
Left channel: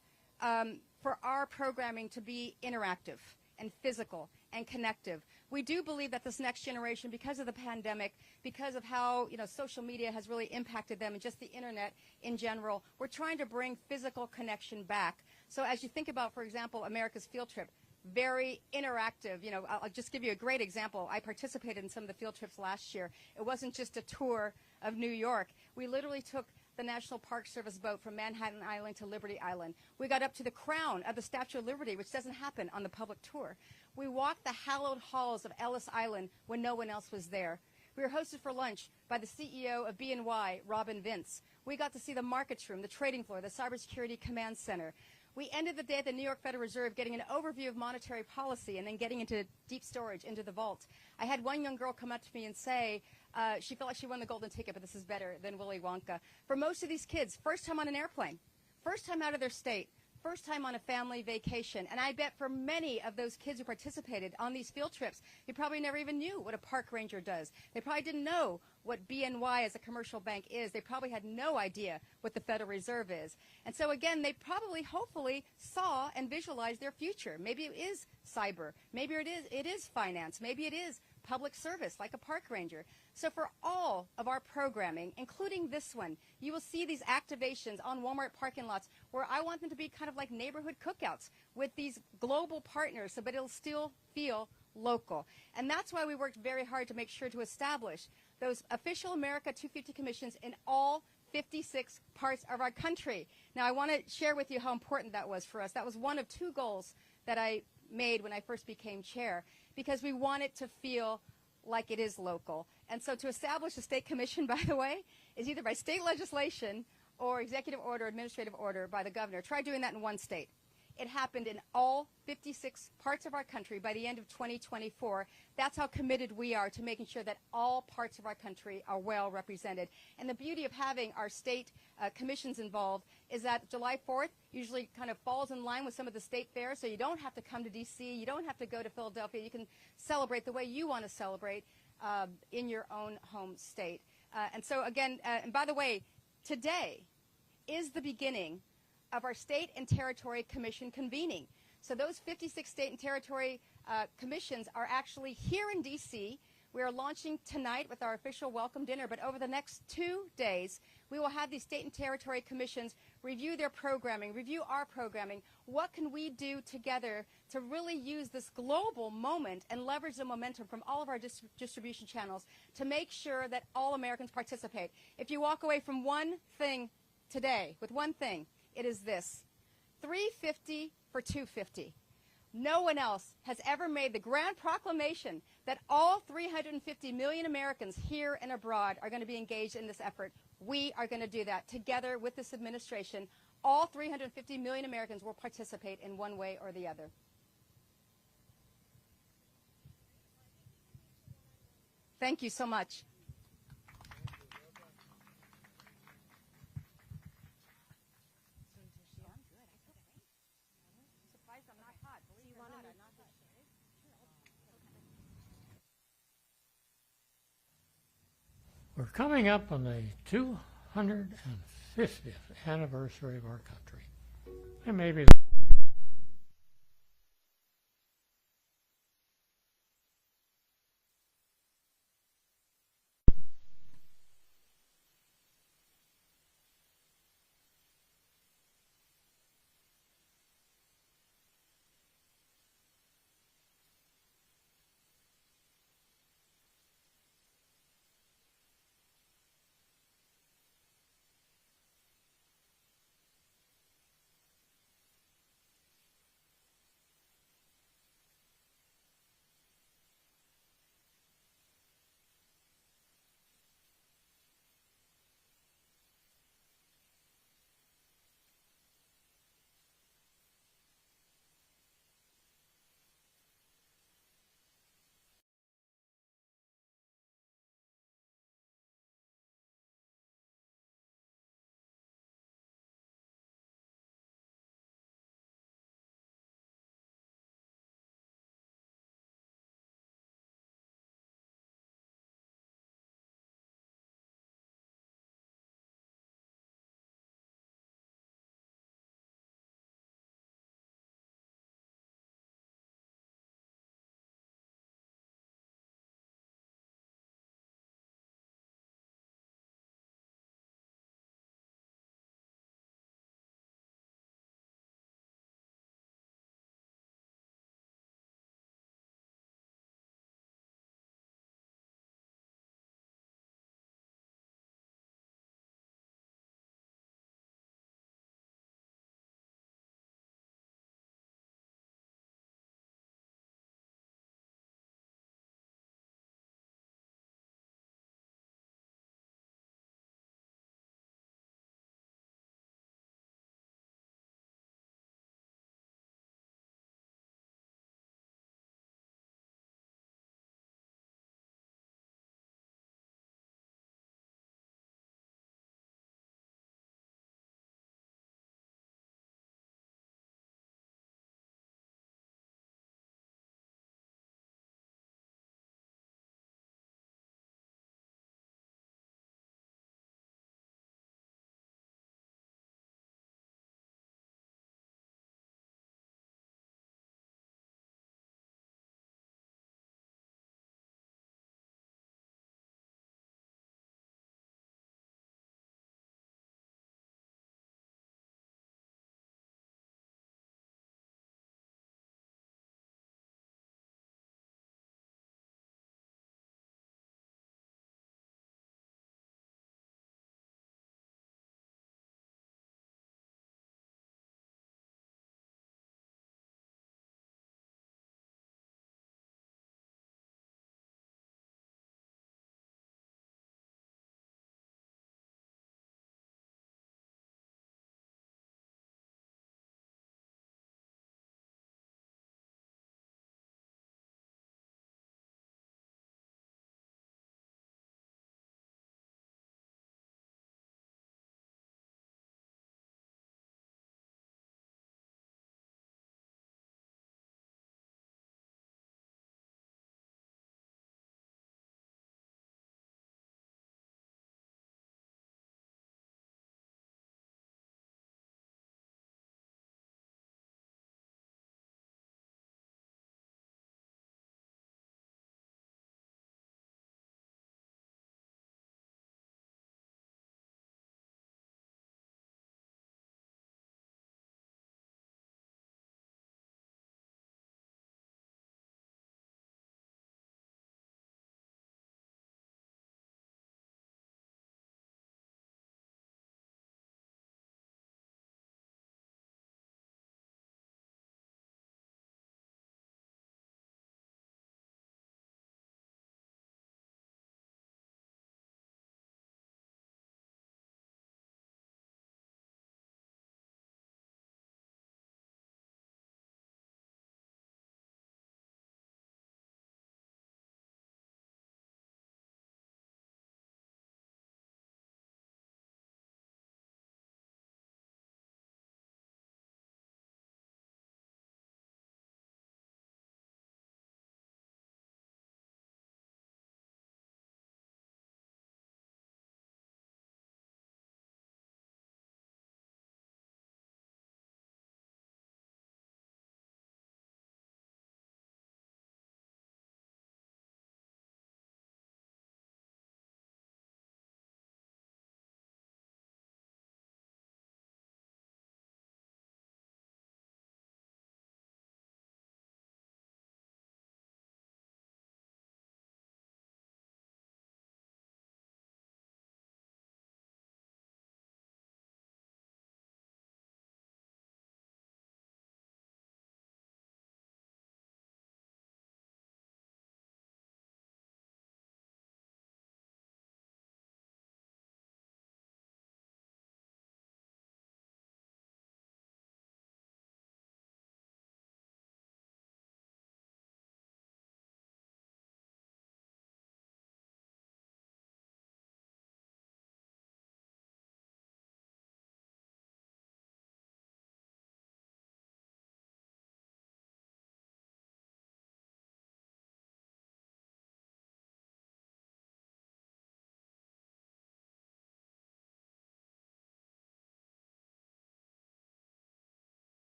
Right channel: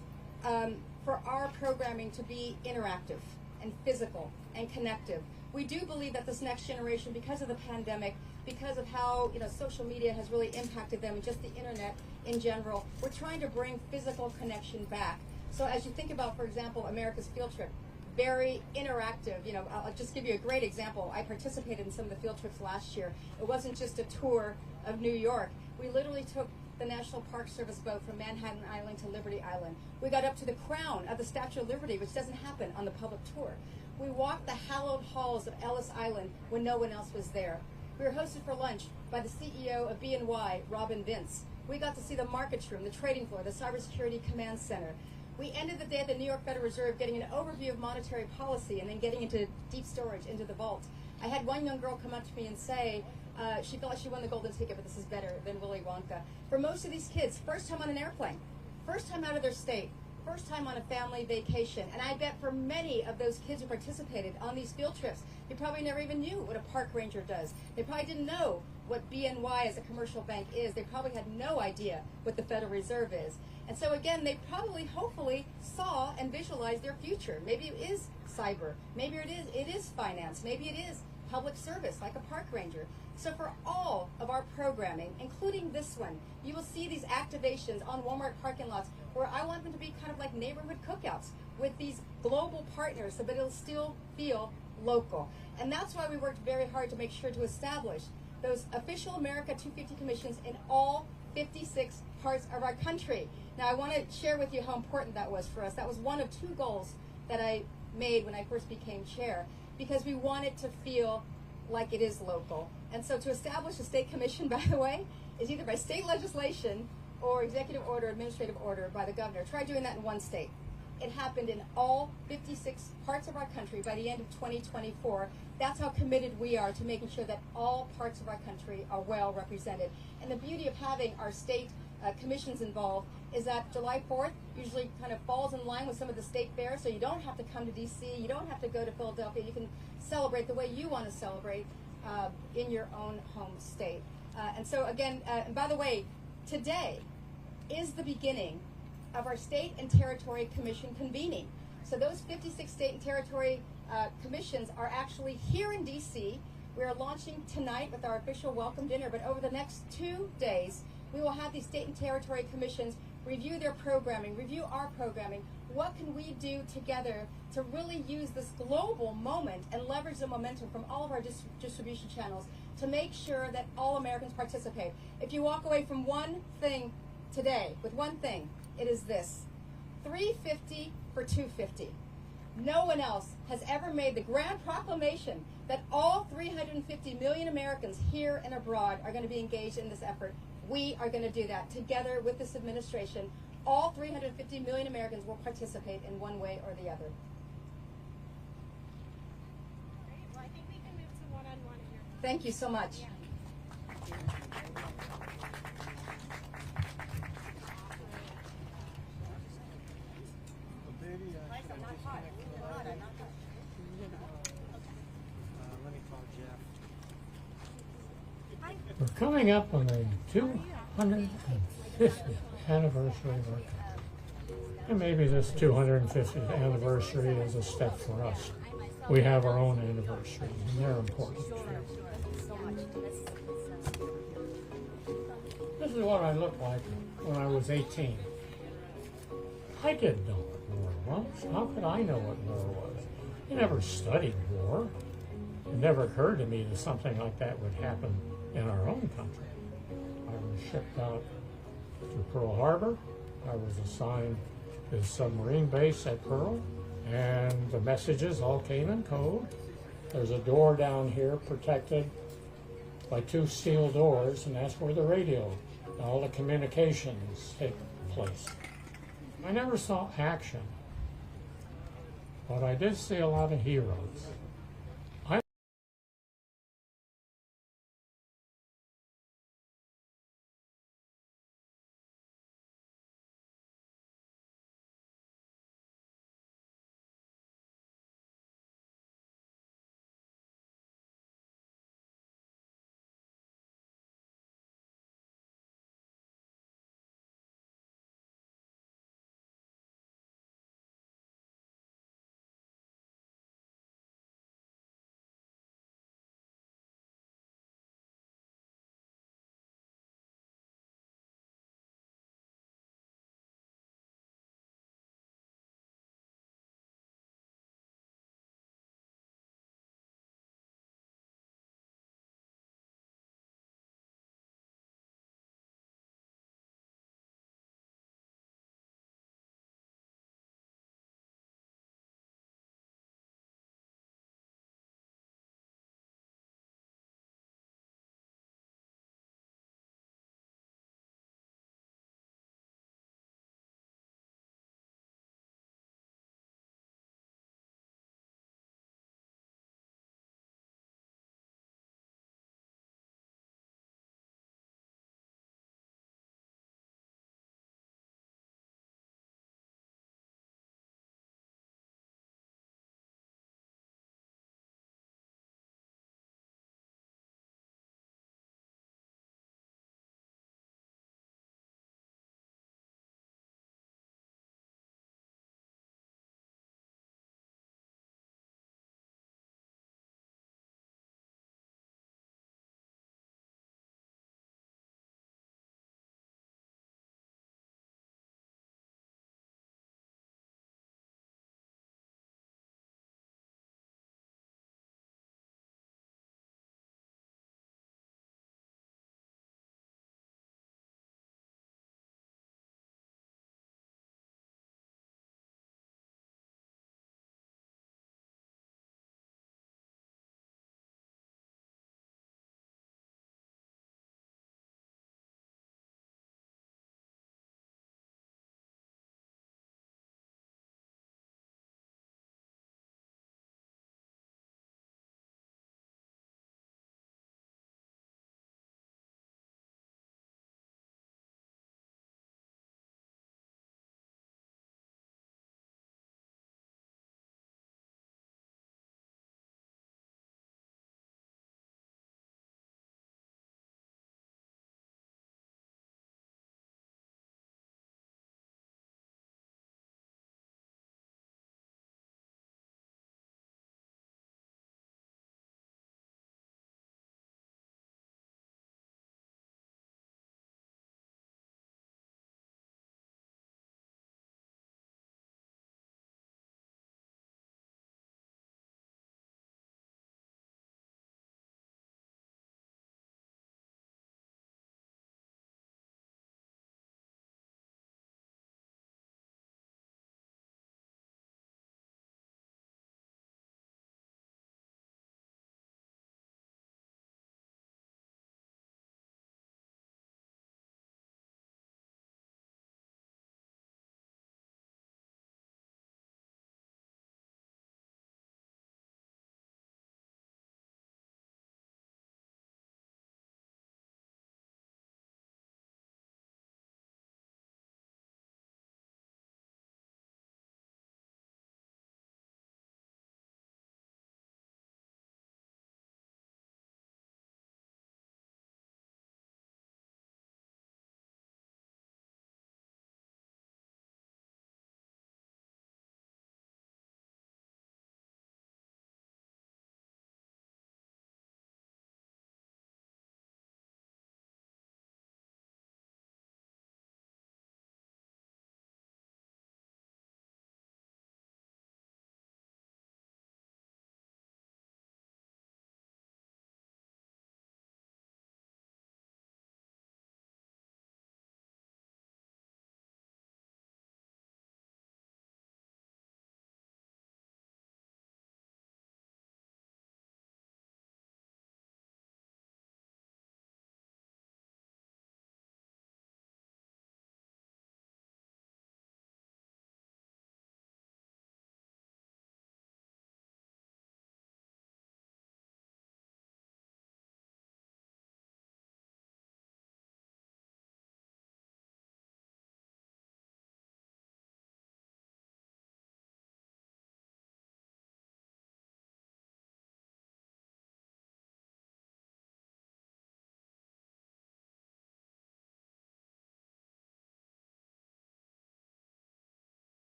for our programming to be interactive and physical and connective. We do believe that this next generation, because of the pandemic, because of how, you know, social media has really impacted them and just the internet in general, we're trying to bring physical connection back. So as you think about, for example, America's Field Trip, very interactive. You know, I'll just give you a great example. I participated in some of the field trips last year. It wasn't just a tour of New York. We literally took the National Park Service boat from Manhattan Island to Liberty Island. We got up to the crown of the Statue of Liberty, which doesn't happen on the public tour. We walked the hallowed halls of Ellis Island when no one else was there. We were hosted for lunch by the CEO of BNY, Robin Vince. We got to see the markets room, the trading floor, the cybersecurity command center. We ended the day at the New York Federal Reserve getting an overview of monetary policy and then getting into deep storage, into the vault. I had one young girl come up to me and say she felt like she won the golden ticket, but this is better than Willy Wonka. For most of these kids, first time on an airplane, first time out of their state, first time on a family vacation. And I bet for many of those kids who participated on these field trips, they probably never even knew what a park ranger does. They probably didn't know what BNY as a commercial bank is. They probably had no idea what the Federal Reserve is. And so again, they probably, hopefully, saw and visualized their future. Maybe it is cyber. Maybe it is finance. Maybe it is public service, like a park ranger. So for all of our programming, including this one, you will see these activations on Walmart parking lots where I want them to be kind of like neighborhood cookouts with these global partners, but it'll still feel local. And that's why we worked very hard to make sure to establish those official America 250 commissions in all 56 parts of our country. Now, I want to share with you how important that was for us. That was one of two goals that I made when I first became chair, because we wanted to feel like it is local. And so to establish a state commission, by the way, is either by state legislation or executive order, administrative order by the governor. Try doing that in one state. It happened in all 56 parts of our country by the end of 2024. That's how committed we are to making sure that all parts of our country are well represented. And the beauty of having our state commissions involved is that July 4th usually kind of falls in line with some of the state fairs, so you don't have to come to D.C., you don't have to go to Philadelphia, you can celebrate the way you want to celebrate in your own home state. And so again, and by the way, today is the beginning of our state and territory commission convening. So those 56 state and territory commissions are actually here in D.C. We are launching tonight with our official welcome dinner, but over the next 2 days, we will have these state and territory commissions review their programming, review our programming. What can we do together to really use this global moment and leverage the momentum from all of our distribution channels to make sure that all Americans participate? If you walk away from one thing today, with one thing, it is this: $350 for $250. No one else has ever made the grand proclamation that all 350 million Americans here and abroad are going to be engaged in this effort. We are going to do that together with this administration. All 350 million Americans will participate in one way or the other. Great. Well, I think we can move to one-on-one here. Thank you so much. We're coming up on the 250th anniversary of our country. And maybe this 250th anniversary is a step for us. We have our own anniversaries, and they're important. This is what I looked like when I was 18. I didn't know what war was. How could I know what war was? I never studied war. It never occurred to me that something like that would happen in our own country. I was shipped out to Pearl Harbor. I was assigned to the submarine base at Pearl, and the messages all came in code. There's a door down here protected by 2 steel doors, and that's where the radio, all the communications take place. I never saw action, but I did see a lot of heroes.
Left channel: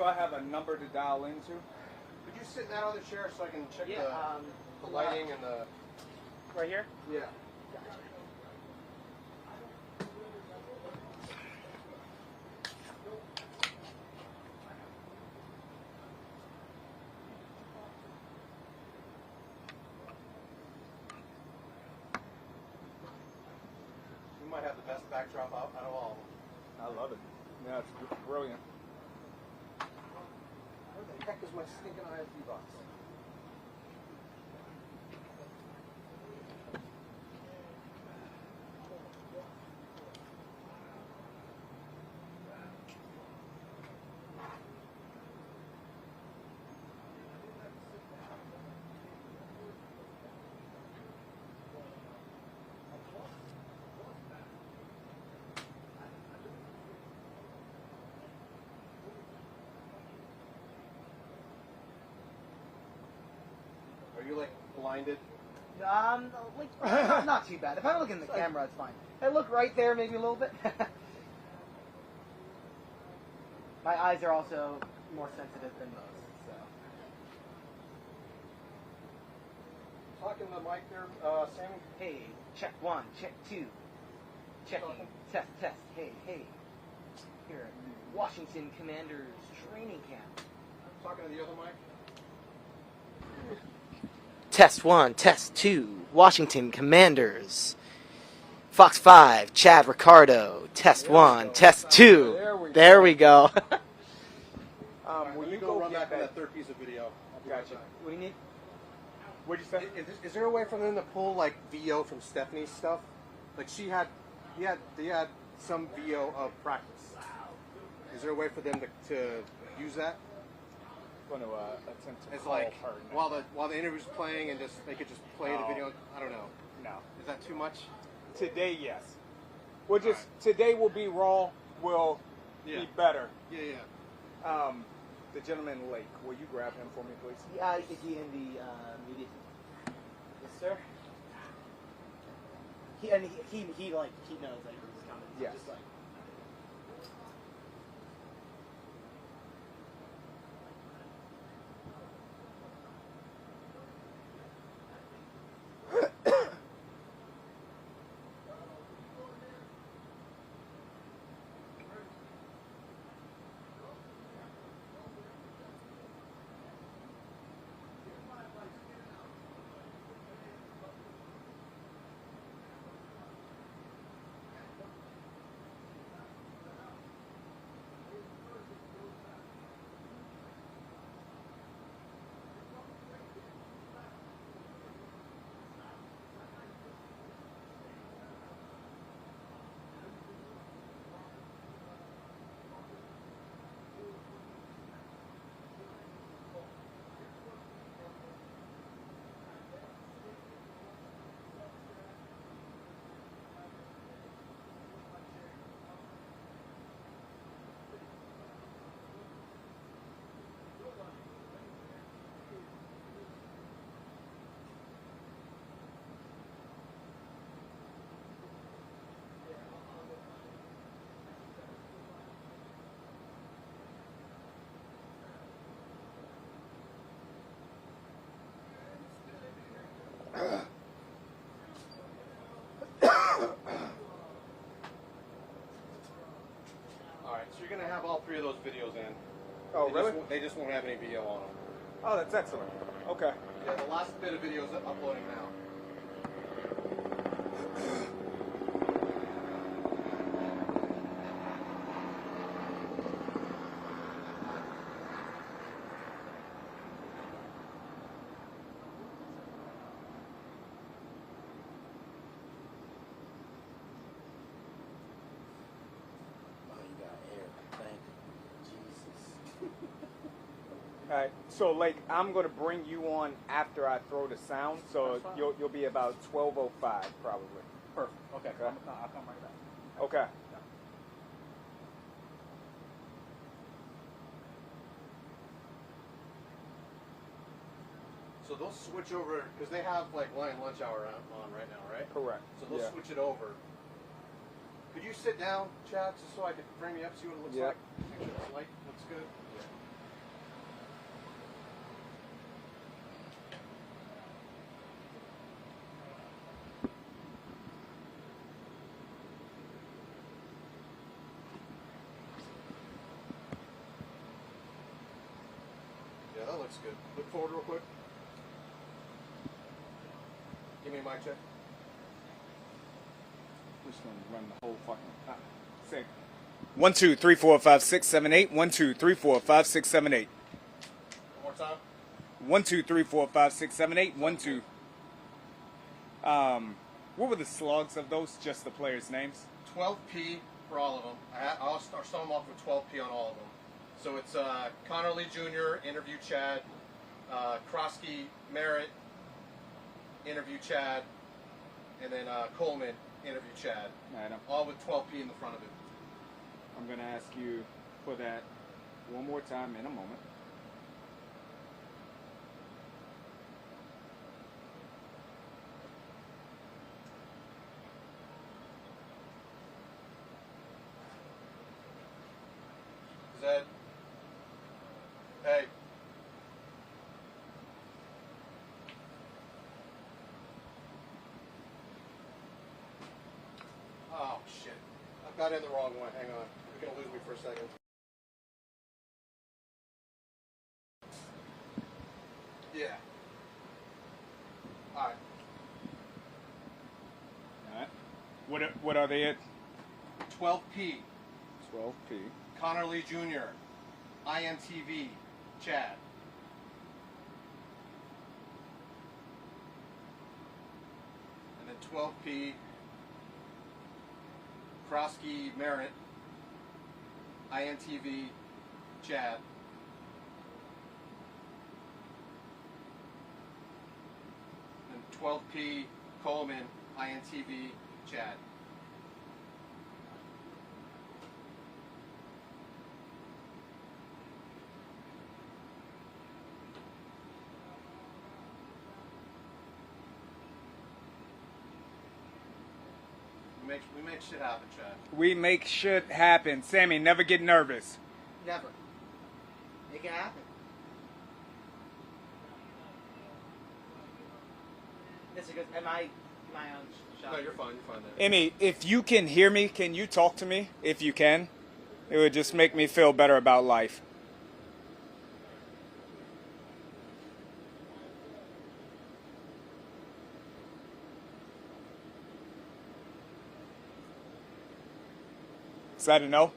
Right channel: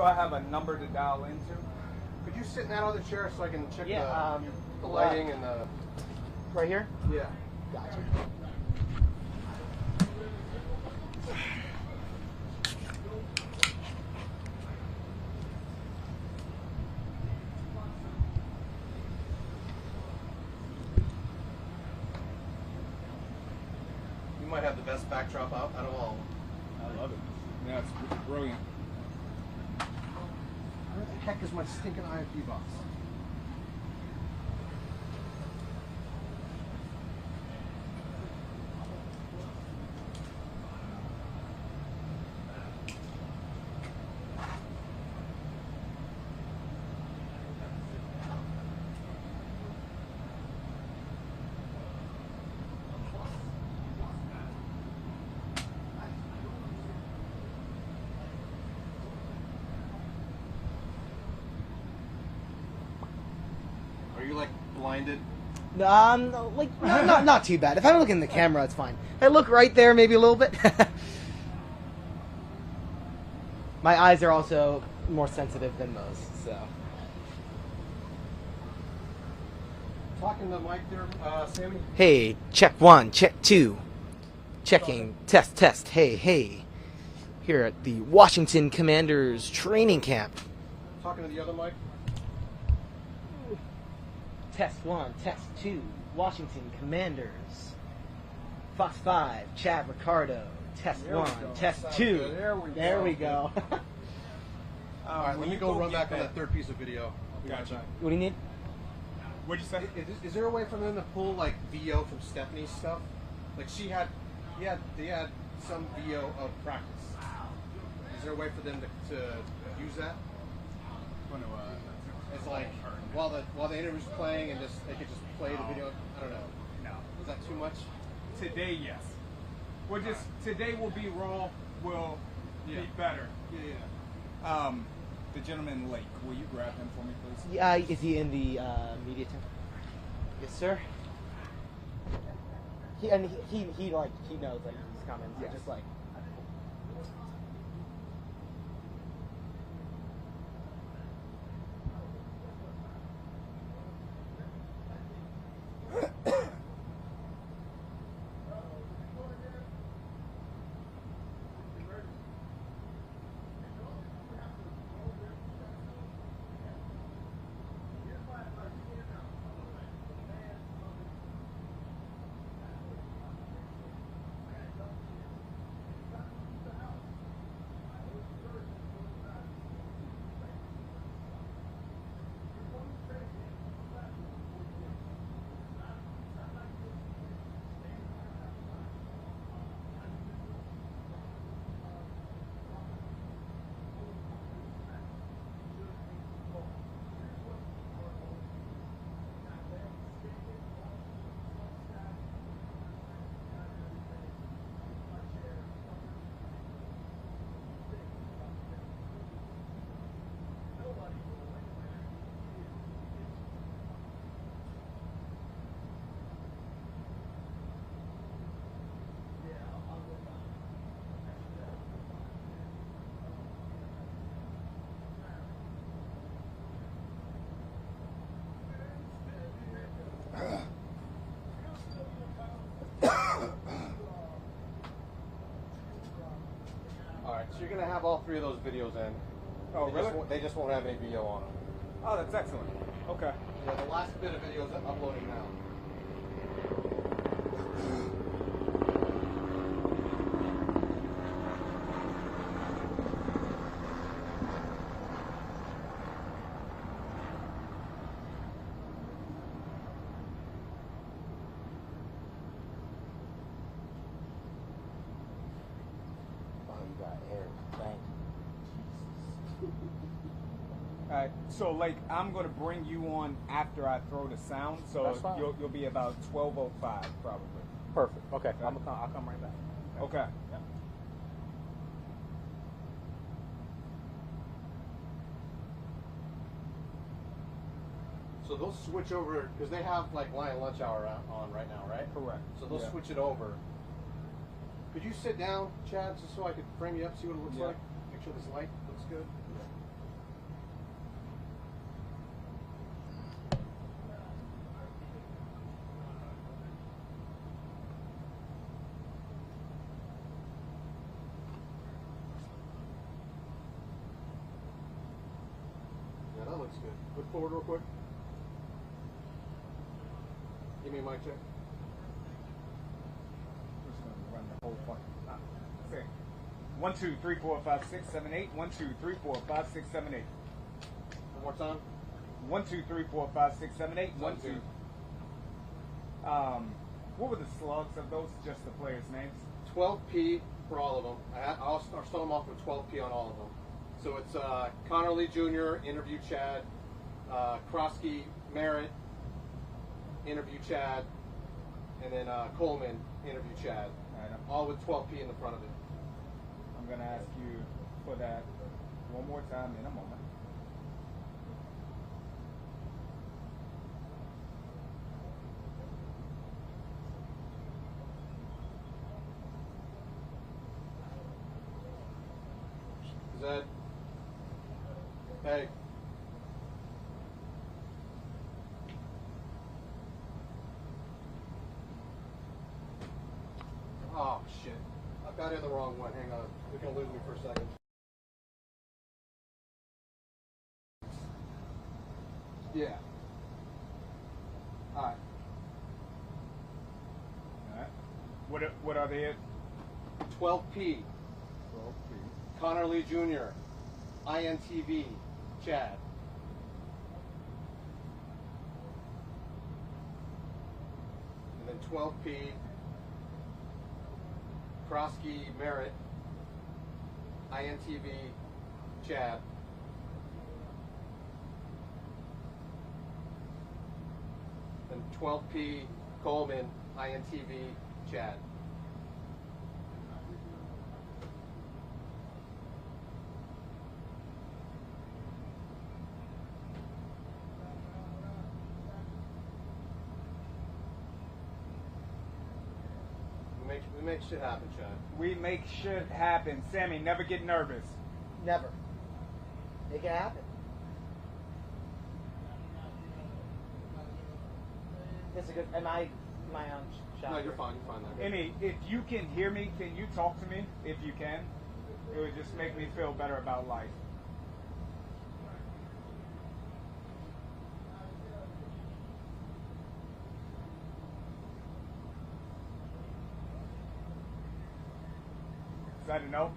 so I have a number to dial into. Could you sit in that other chair so I can check Yeah, the lighting and the... right here? Yeah. Gotcha. You might have the best backdrop out of all. I love it. Yeah, it's brilliant. Where the heck is my stinking IFB box? Are you like blinded? Like not too bad. If I don't look in the camera, it's fine. I look right there, maybe a little bit. My eyes are also more sensitive than most, so. Talking to the mic there, Sammy? Hey, check 1, check 2. Checking, test. Hey. Here at the Washington Commanders training camp. Talking to the other mic? Test 1, test 2, Washington Commanders. Fox 5, Chad Ricardo. Test 1, test 2. There we go. All right, let me go run back on that third piece of video. Gotcha. What do you need? What'd you say? Is there a way for them to pull like VO from Stephanie's stuff? Like they had some VO of practice. Is there a way for them to use that? It's like while the interview's playing and they could just play the video. I don't know. No. Is that too much? Today, yes. Today will be raw. Will be better. Yeah. The gentleman Lake, will you grab him for me, please? Yeah, is he in the media tent? Yes, sir. He knows like he's coming. Yes. Just like. Have all three of those videos in. Oh, really? They just won't have any VO on them. Oh, that's excellent. Okay. Yeah, the last bit of video is uploading now. Alright, so like I'm gonna bring you on after I throw the sound, so you'll be about 12:05 probably. Perfect. Okay. I'll come right back. Okay. Yep. So they'll switch over because they have like Lion Lunch Hour on right now, right? Correct. So they'll switch it over. Could you sit down, Chad, just so I could frame you up, see what it looks like? Make sure this light looks good. That's good. Look forward real quick. Give me a mic check. Just gonna run the whole fucking thing. 1, 2, 3, 4, 5, 6, 7, 8. 1, 2, 3, 4, 5, 6, 7, 8. One more time. 1, 2, 3, 4, 5, 6, 7, 8. 1, 2. What were the slugs of those? Just the players' names? 12P for all of them. I'll start them off with 12P on all of them. So it's Connor Lee Jr., interview Chad. Krosky Merritt, interview Chad. And then Coleman, interview Chad. All with 12P in the front of it. I'm going to ask you for that one more time in a moment. Zed. Hey. Oh, shit. I've got in the wrong one. Hang on. You're going to lose me for a second. Yeah. All right. What are they at? 12P. 12P. Connor Lee Jr. INTV. Chad. And then 12P. Krosky Merritt. INTV. Chad. And 12P. Coleman. INTV. Chad. We make shit happen, Chad. We make shit happen. Sammy, never get nervous. Never. Make it happen. It's a good. Am I on shot? No, you're fine. You're fine there. Emmy, if you can hear me, can you talk to me? If you can, it would just make me feel better about life. Is that a no?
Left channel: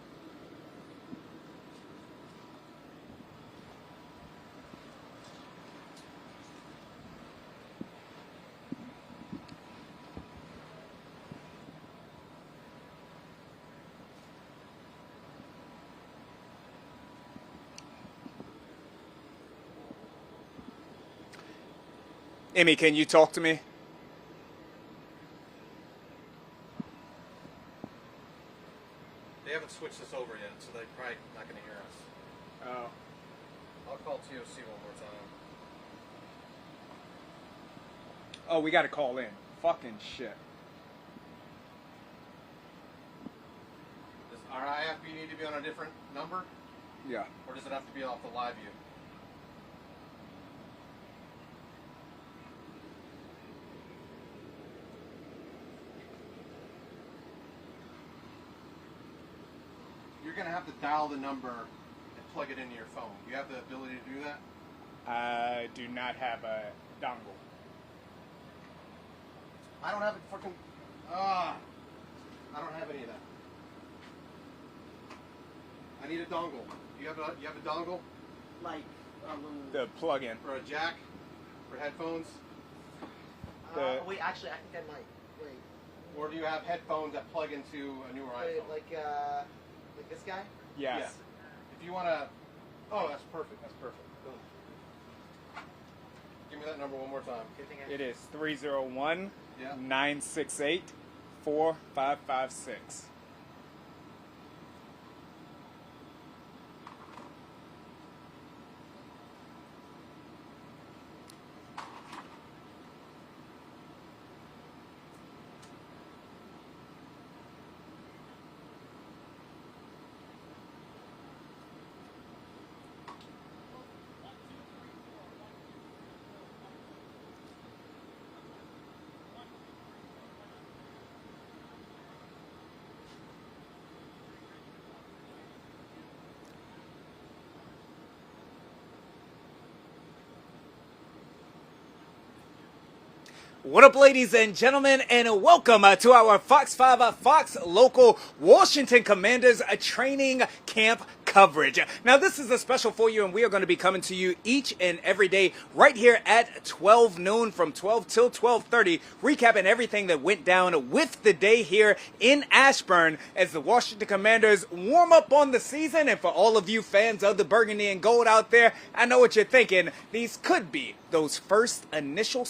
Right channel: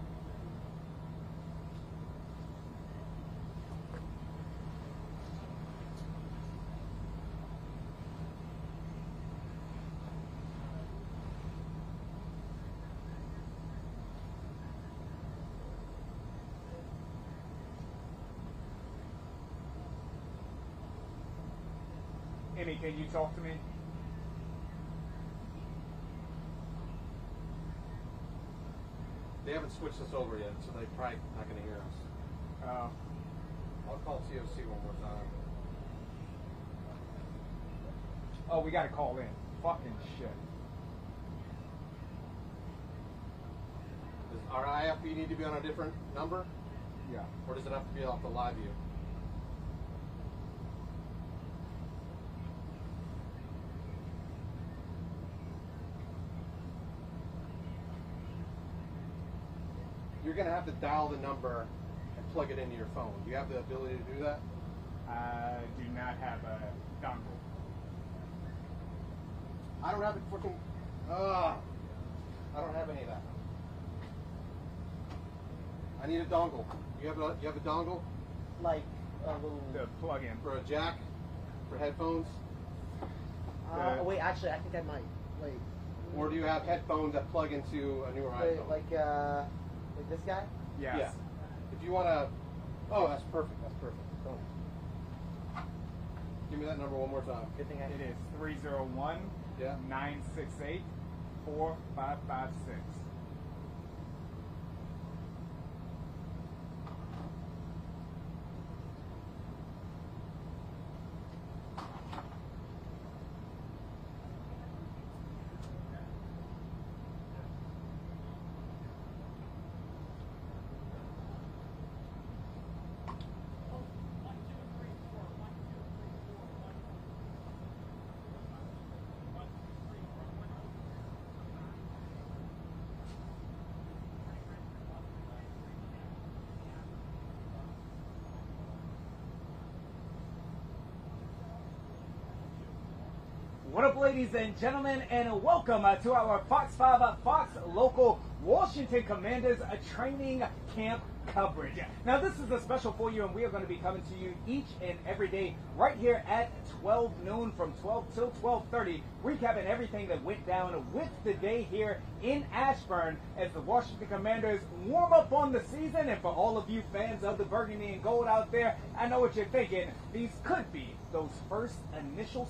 Emmy, can you talk to me? They haven't switched this over yet, so they're probably not going to hear us. Oh. I'll call TOC one more time. Oh, we got to call in. Fucking shit. Does our IFB need to be on a different number? Yeah. Or does it have to be off the live view? You're going to have to dial the number and plug it into your phone. Do you have the ability to do that? I do not have a dongle. I don't have it freaking. I don't have any of that. I need a dongle. You have a dongle? Like a little. The plug-in. For a jack? For headphones? Wait, actually, I think I might. Wait. Or do you have headphones that plug into a newer Wait, iPhone? Like this guy? Yes. Yeah. If you want to. Oh, that's perfect. That's perfect. Boom. Give me that number one more time. Good thing It is 301 968 4556. What up, ladies and gentlemen, and welcome to our Fox 5 Fox local Washington Commanders training camp coverage. Now, this is a special for you, and we are going to be coming to you each and every day right here at 12 noon from 12 till 12:30, recapping everything that went down with the day here in Ashburn as the Washington Commanders warm up on the season. And for all of you fans of the burgundy and gold out there, I know what you're thinking. These could be those first initial